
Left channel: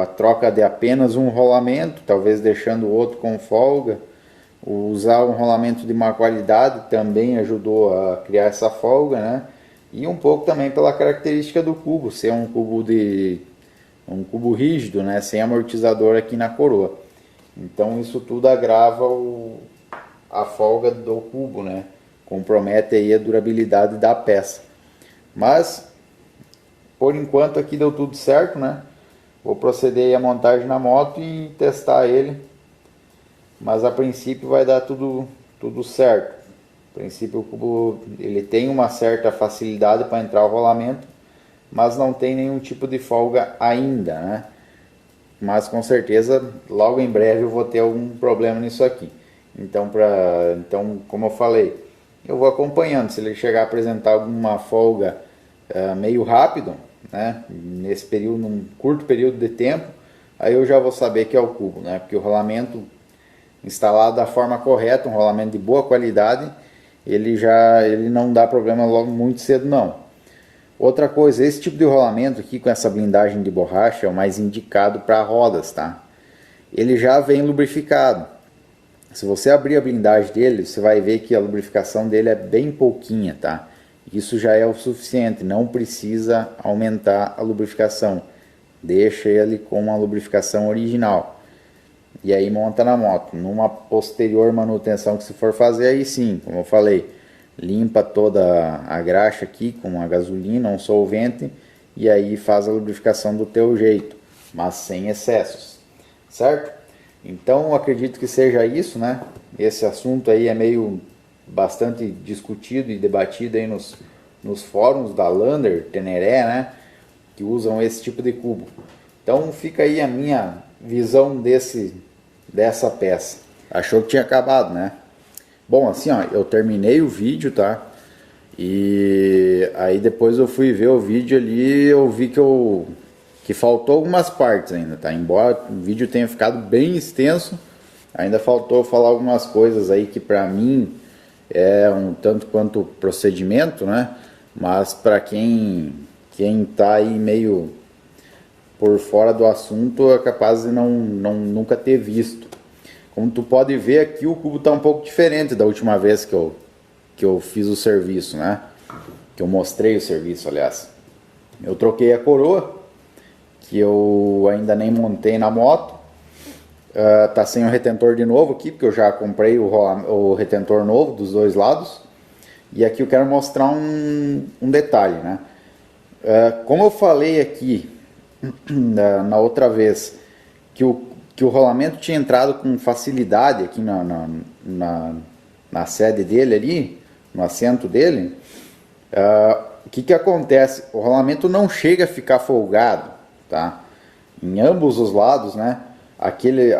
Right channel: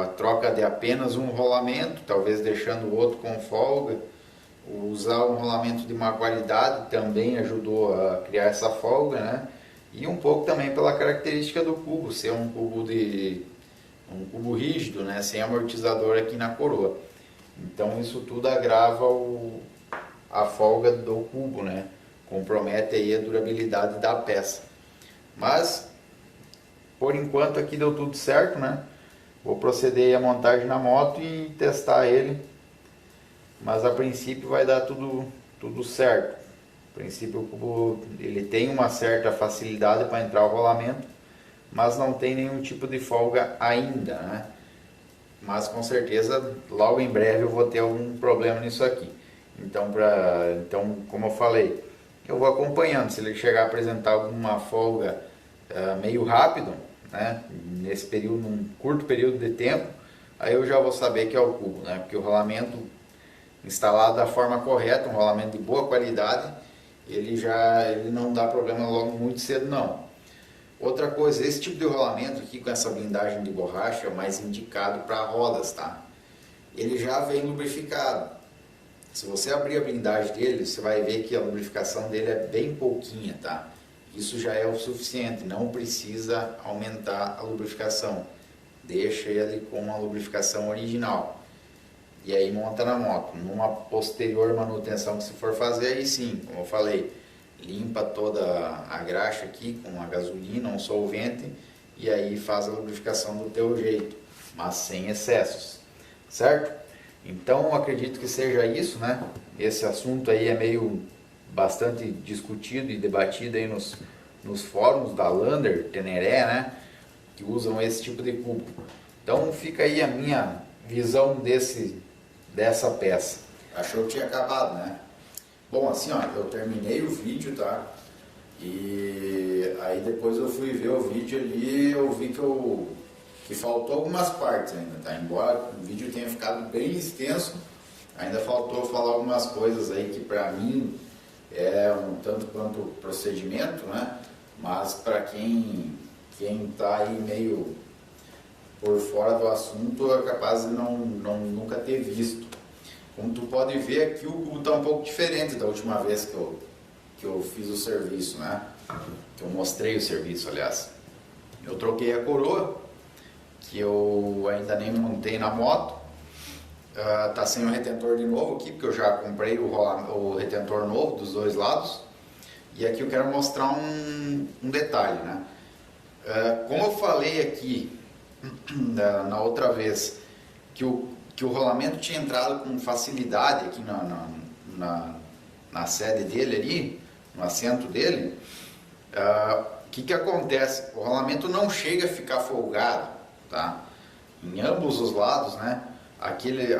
A troca de apenas um rolamento, talvez deixando o outro com folga, usar um rolamento de má qualidade também ajudou a criar essa folga, né? E um pouco também pela característica do cubo, ser um cubo rígido, né? Sem amortizador aqui na coroa. Então isso tudo agrava a folga do cubo, né? Compromete aí a durabilidade da peça. Mas por enquanto aqui deu tudo certo, né? Vou proceder à montagem na moto e testar ele. Mas a princípio vai dar tudo certo. A princípio o cubo ele tem uma certa facilidade para entrar o rolamento, mas não tem nenhum tipo de folga ainda, né? Mas com certeza logo em breve eu vou ter algum problema nisso aqui. Então, como eu falei, eu vou acompanhando. Se ele chegar a apresentar alguma folga meio rápido, né, nesse período, num curto período de tempo, aí eu já vou saber que é o cubo, né? Porque o rolamento instalado da forma correta, um rolamento de boa qualidade, ele não dá problema logo muito cedo, não. Outra coisa, esse tipo de rolamento aqui com essa blindagem de borracha é o mais indicado para rodas, tá? Ele já vem lubrificado. Se você abrir a blindagem dele, você vai ver que a lubrificação dele é bem pouquinha, tá? Isso já é o suficiente, não precisa aumentar a lubrificação. Deixa ele com uma lubrificação original. e aí monta na moto. Numa posterior manutenção que se for fazer, aí sim, como eu falei, limpa toda a graxa aqui com uma gasolina, um solvente, e aí faz a lubrificação do teu jeito, mas sem excessos, certo? Então eu acredito que seja isso, né? Esse assunto aí é meio bastante discutido e debatido aí nos fóruns da Lander, Teneré, né? Que usam esse tipo de cubo. Então fica aí a minha visão dessa peça. Achou que tinha acabado, né? Bom, assim, ó, eu terminei o vídeo, tá? E aí depois eu fui ver o vídeo ali, eu vi que faltou algumas partes ainda, tá? Embora o vídeo tenha ficado bem extenso, ainda faltou falar algumas coisas aí que pra mim é um tanto quanto procedimento, né? Mas pra quem tá aí meio por fora do assunto é capaz de nunca ter visto. Como tu pode ver aqui, o cubo está um pouco diferente da última vez que eu fiz o serviço, né? Que eu mostrei o serviço, aliás. Eu troquei a coroa, que eu ainda nem montei na moto. Tá sem o retentor de novo aqui, porque eu já comprei o retentor novo dos dois lados. E aqui eu quero mostrar um detalhe, né? Como eu falei aqui na outra vez, que o rolamento tinha entrado com facilidade aqui na sede dele ali, no assento dele, o que acontece? O rolamento não chega a ficar folgado, tá? Em ambos os lados, né? Aquele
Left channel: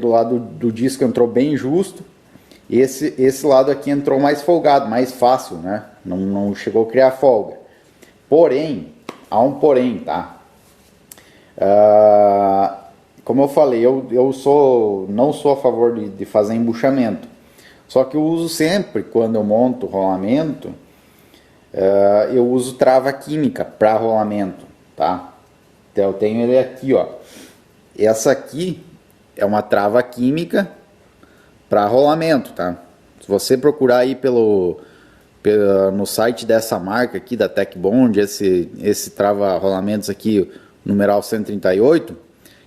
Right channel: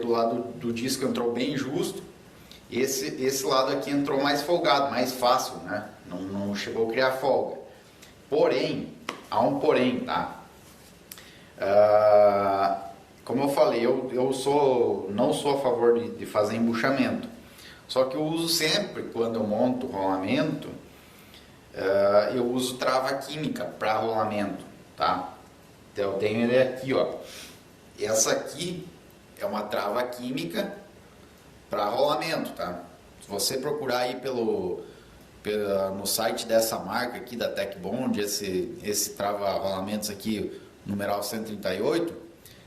do lado do disco entrou bem justo, esse lado aqui entrou mais folgado, mais fácil, né? Não chegou a criar folga. Porém, há um porém, tá? Como eu falei, eu não sou a favor de fazer embuchamento. Só que eu uso sempre, quando eu monto rolamento, eu uso trava química para rolamento, tá? Então eu tenho ele aqui, ó. Essa aqui é uma trava química para rolamento, tá? Se você procurar aí no site dessa marca aqui, da Tech Bond, esse trava rolamentos aqui, numeral 138,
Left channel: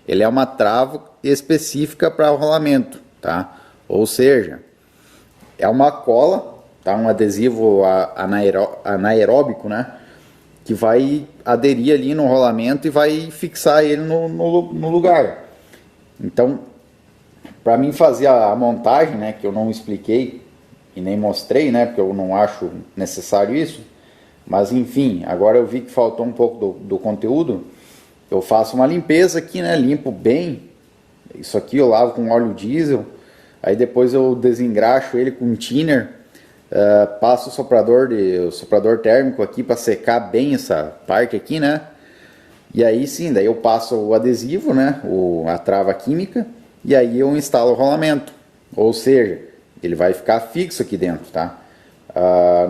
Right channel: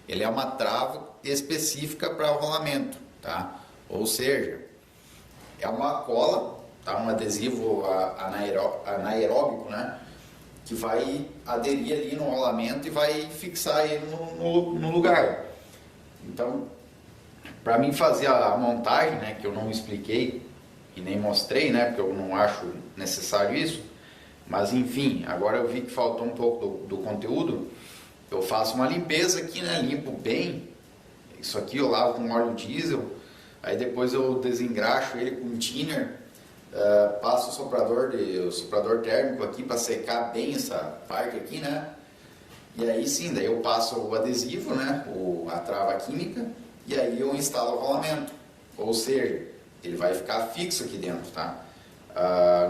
ele é uma trava específica para rolamento, tá? Ou seja, é uma cola, tá? Um adesivo anaeróbico, né? Que vai aderir ali no rolamento e vai fixar ele no lugar. Então, para mim fazer a montagem, né? Que eu não expliquei e nem mostrei, né? Porque eu não acho necessário isso. Mas enfim, agora eu vi que faltou um pouco do conteúdo. Eu faço uma limpeza aqui, né? Limpo bem. Isso aqui eu lavo com óleo diesel. Aí depois eu desengraxo ele com thinner. Passo o soprador térmico aqui para secar bem essa parte aqui, né? E aí sim, daí eu passo o adesivo, né? A trava química. E aí eu instalo o rolamento. Ou seja, ele vai ficar fixo aqui dentro, tá?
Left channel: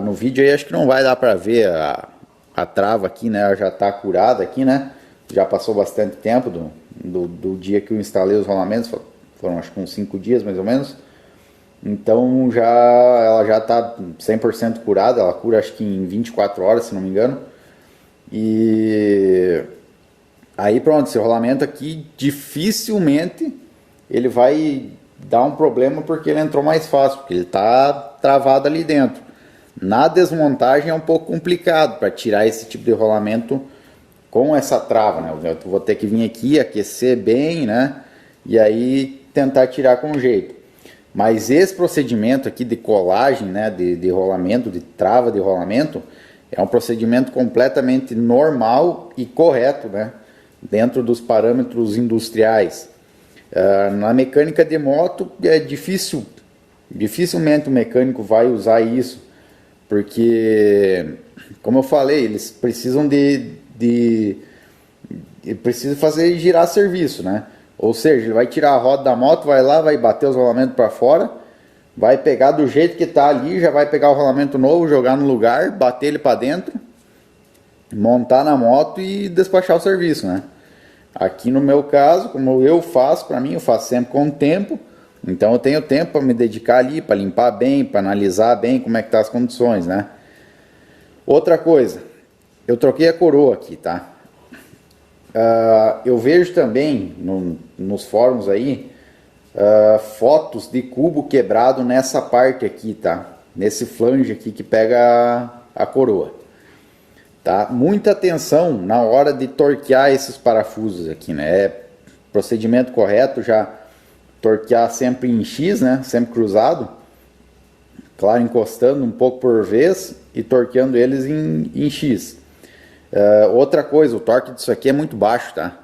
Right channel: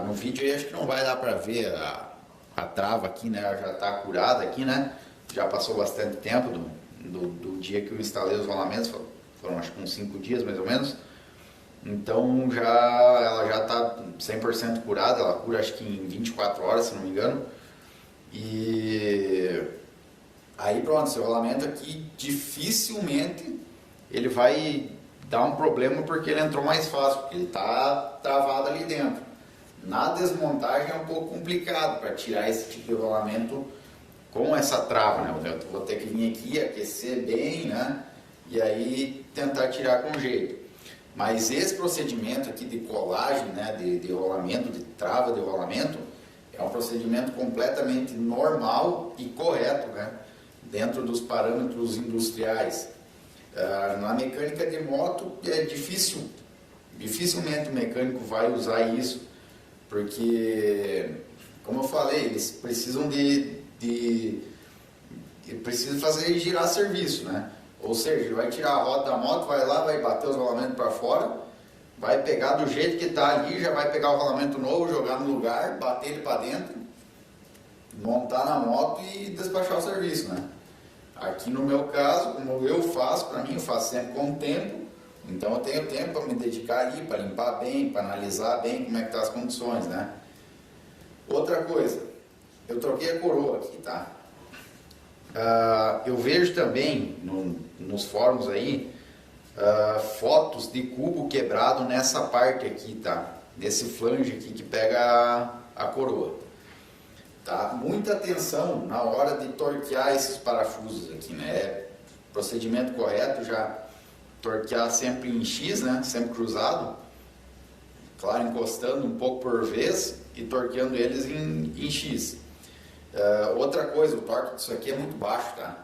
No vídeo aí acho que não vai dar para ver a trava aqui, né? Ela já está curada aqui, né? Já passou bastante tempo do dia que eu instalei os rolamentos, foram acho que uns 5 dias mais ou menos. Então ela já está 100% curada, ela cura acho que em 24 horas, se não me engano. E aí pronto, esse rolamento aqui dificilmente ele vai dar um problema porque ele entrou mais fácil, porque ele está travado ali dentro. Na desmontagem é um pouco complicado para tirar esse tipo de rolamento com essa trava, né? Eu vou ter que vir aqui, aquecer bem, né? E aí tentar tirar com jeito. Mas esse procedimento aqui de colagem, né? De rolamento, de trava de rolamento, é um procedimento completamente normal e correto, né? Dentro dos parâmetros industriais. Na mecânica de moto é dificilmente o mecânico vai usar isso, porque, como eu falei, eles precisam precisa fazer girar serviço, né? Ou seja, ele vai tirar a roda da moto, vai lá, vai bater os rolamentos para fora, vai pegar do jeito que está ali, já vai pegar o rolamento novo, jogar no lugar, bater ele para dentro, montar na moto e despachar o serviço, né? Aqui no meu caso, como eu faço, para mim, eu faço sempre com tempo, então eu tenho tempo para me dedicar ali, para limpar bem, para analisar bem como é que tá as condições, né? Outra coisa, eu troquei a coroa aqui, tá? Eu vejo também nos fóruns aí fotos de cubo quebrado nessa parte aqui, tá? Nesse flange aqui que pega a coroa, tá? Muita atenção na hora de torquear esses parafusos aqui, né? É procedimento correto já torquear sempre em X, né? Sempre cruzado, claro, encostando um pouco por vez e torqueando eles em X. Outra coisa, o torque disso aqui é muito baixo, tá?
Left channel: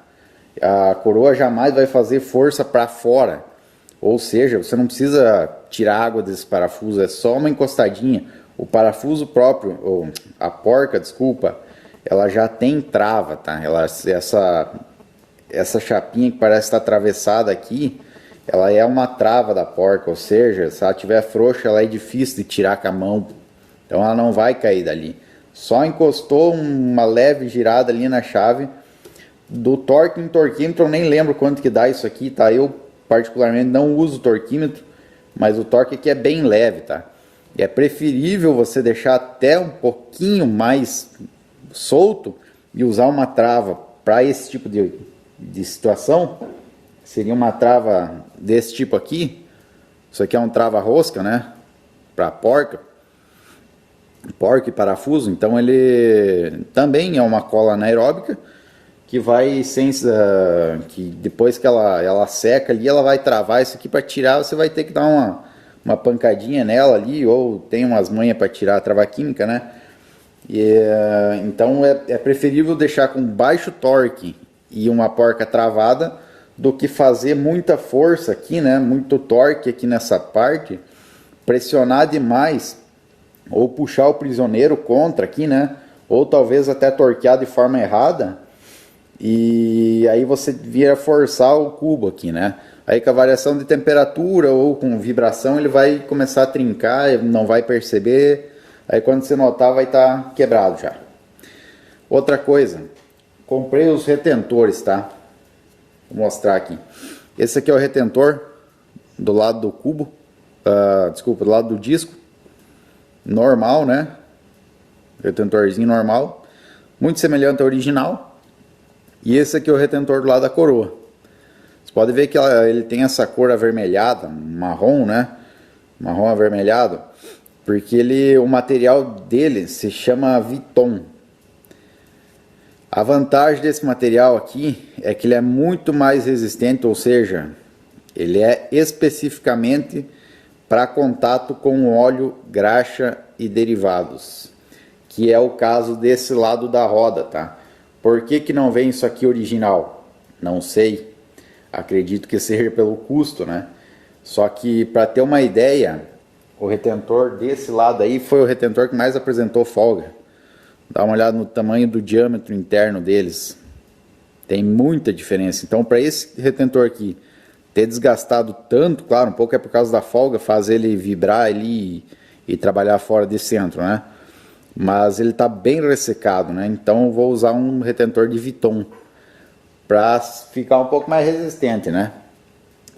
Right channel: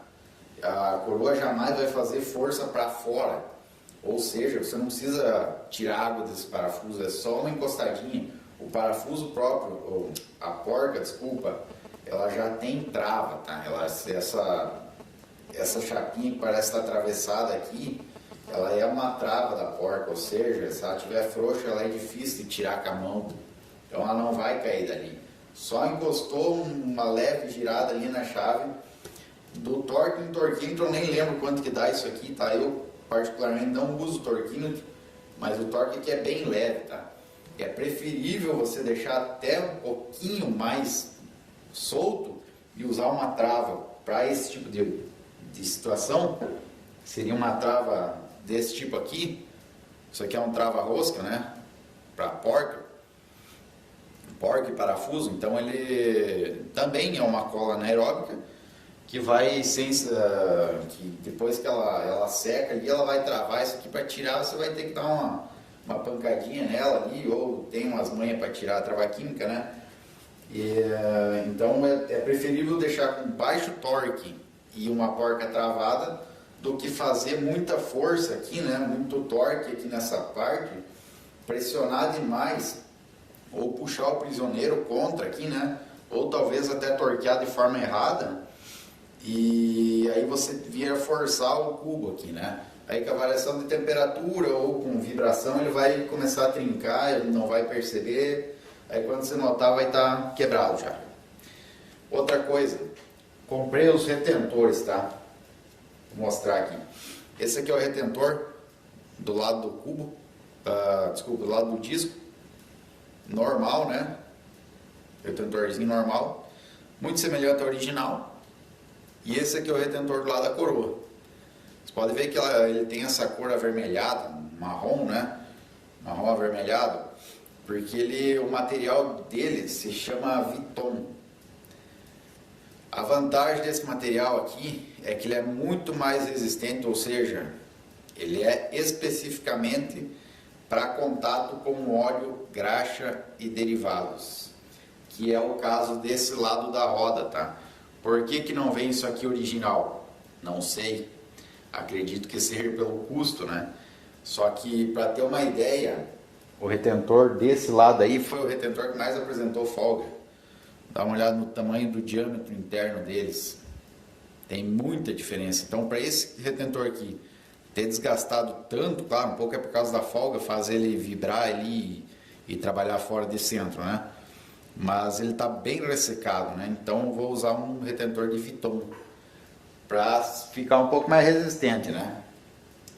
A coroa jamais vai fazer força para fora, ou seja, você não precisa tirar água desse parafuso, é só uma encostadinha. O parafuso próprio, ou a porca, desculpa, ela já tem trava, tá? Essa chapinha que parece estar atravessada aqui, ela é uma trava da porca, ou seja, se ela tiver frouxa, ela é difícil de tirar com a mão, então ela não vai cair dali. Só encostou uma leve girada ali na chave. Do torque em torquímetro eu nem lembro quanto que dá isso aqui, tá? Eu particularmente não uso torquímetro, mas o torque aqui é bem leve, tá? E é preferível você deixar até um pouquinho mais solto e usar uma trava para esse tipo de situação. Seria uma trava desse tipo aqui. Isso aqui é um trava rosca, né? Para porca e parafuso. Então ele também é uma cola anaeróbica que vai que depois que ela seca ali, ela vai travar isso aqui. Para tirar, você vai ter que dar uma pancadinha nela ali, ou tem umas manhas para tirar a trava química, né? Então é preferível deixar com baixo torque e uma porca travada do que fazer muita força aqui, né? Muito torque aqui nessa parte, pressionar demais ou puxar o prisioneiro contra aqui, né? Ou talvez até torquear de forma errada. E aí você vira forçar o cubo aqui, né? Aí com a variação de temperatura ou com vibração ele vai começar a trincar, não vai perceber. Aí quando você notar vai estar quebrado já. Outra coisa, comprei os retentores, tá? Vou mostrar aqui. Esse aqui é o retentor do lado do cubo, desculpa, do lado do disco. Normal, né? Retentorzinho normal, muito semelhante ao original. E esse aqui é o retentor do lado da coroa. Você pode ver que ele tem essa cor avermelhada, marrom, né? Marrom avermelhado, porque o material dele se chama Viton. A vantagem desse material aqui é que ele é muito mais resistente, ou seja, ele é especificamente para contato com óleo, graxa e derivados, que é o caso desse lado da roda, tá? Por que não vem isso aqui original? Não sei. Acredito que seja pelo custo, né? Só que para ter uma ideia, o retentor desse lado aí foi o retentor que mais apresentou folga. Dá uma olhada no tamanho do diâmetro interno deles. Tem muita diferença. Então, para esse retentor aqui ter desgastado tanto, claro, um pouco é por causa da folga, faz ele vibrar ali e trabalhar fora de centro, né? Mas ele está bem ressecado, né? Então eu vou usar um retentor de Viton para ficar um pouco mais resistente, né?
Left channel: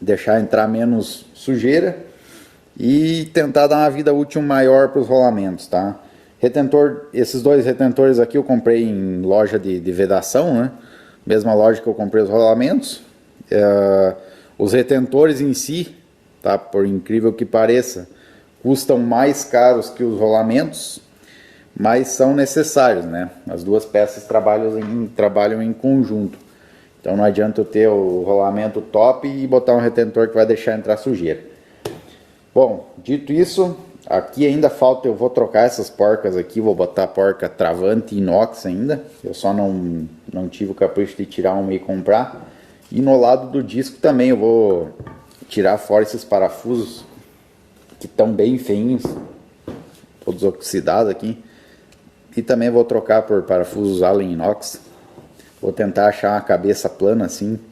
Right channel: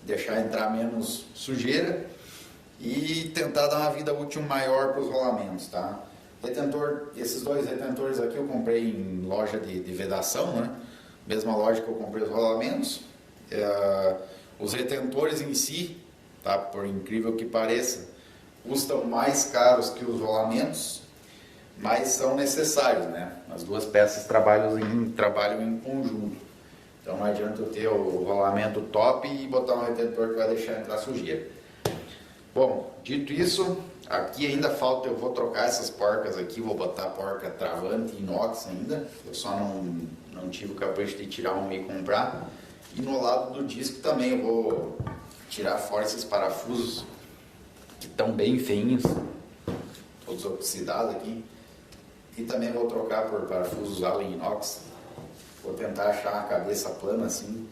Deixar entrar menos sujeira e tentar dar uma vida útil maior para os rolamentos, tá? Esses dois retentores aqui eu comprei em loja de vedação, né? Mesma loja que eu comprei os rolamentos. Os retentores em si, tá? Por incrível que pareça, custam mais caros que os rolamentos, mas são necessários, né? As duas peças trabalham em conjunto. Então não adianta eu ter o rolamento top e botar um retentor que vai deixar entrar sujeira. Bom, dito isso, aqui ainda falta, eu vou trocar essas porcas aqui, vou botar a porca travante inox ainda. Eu só não tive o capricho de tirar uma e comprar. E no lado do disco também eu vou tirar fora esses parafusos que estão bem feinhos, todos oxidados aqui. E também vou trocar por parafusos Allen inox. Vou tentar achar uma cabeça plana assim,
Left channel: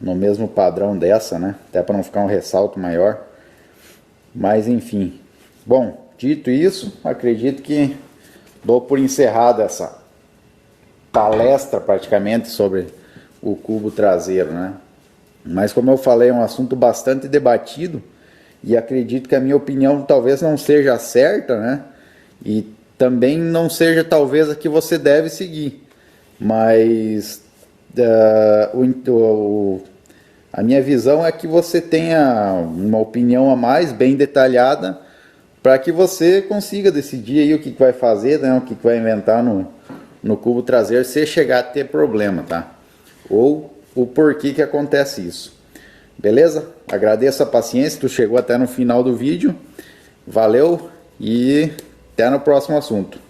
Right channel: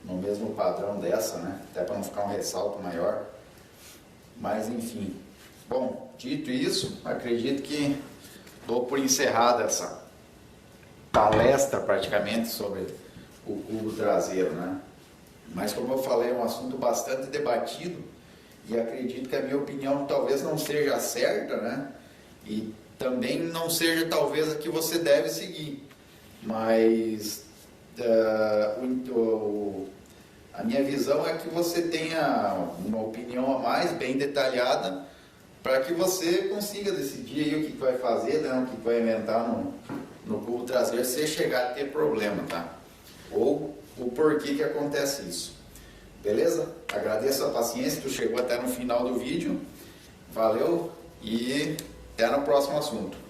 no mesmo padrão dessa, né? Até para não ficar um ressalto maior. Mas enfim. Bom, dito isso, acredito que dou por encerrada essa palestra praticamente sobre o cubo traseiro, né? Mas como eu falei, é um assunto bastante debatido e acredito que a minha opinião talvez não seja a certa, né? E também não seja talvez a que você deve seguir, mas A minha visão é que você tenha uma opinião a mais, bem detalhada, para que você consiga decidir aí o que vai fazer, né, o que vai inventar no cubo traseiro, se chegar a ter problema, tá? Ou o porquê que acontece isso. Beleza? Agradeço a paciência, tu chegou até no final do vídeo. Valeu e até no próximo assunto.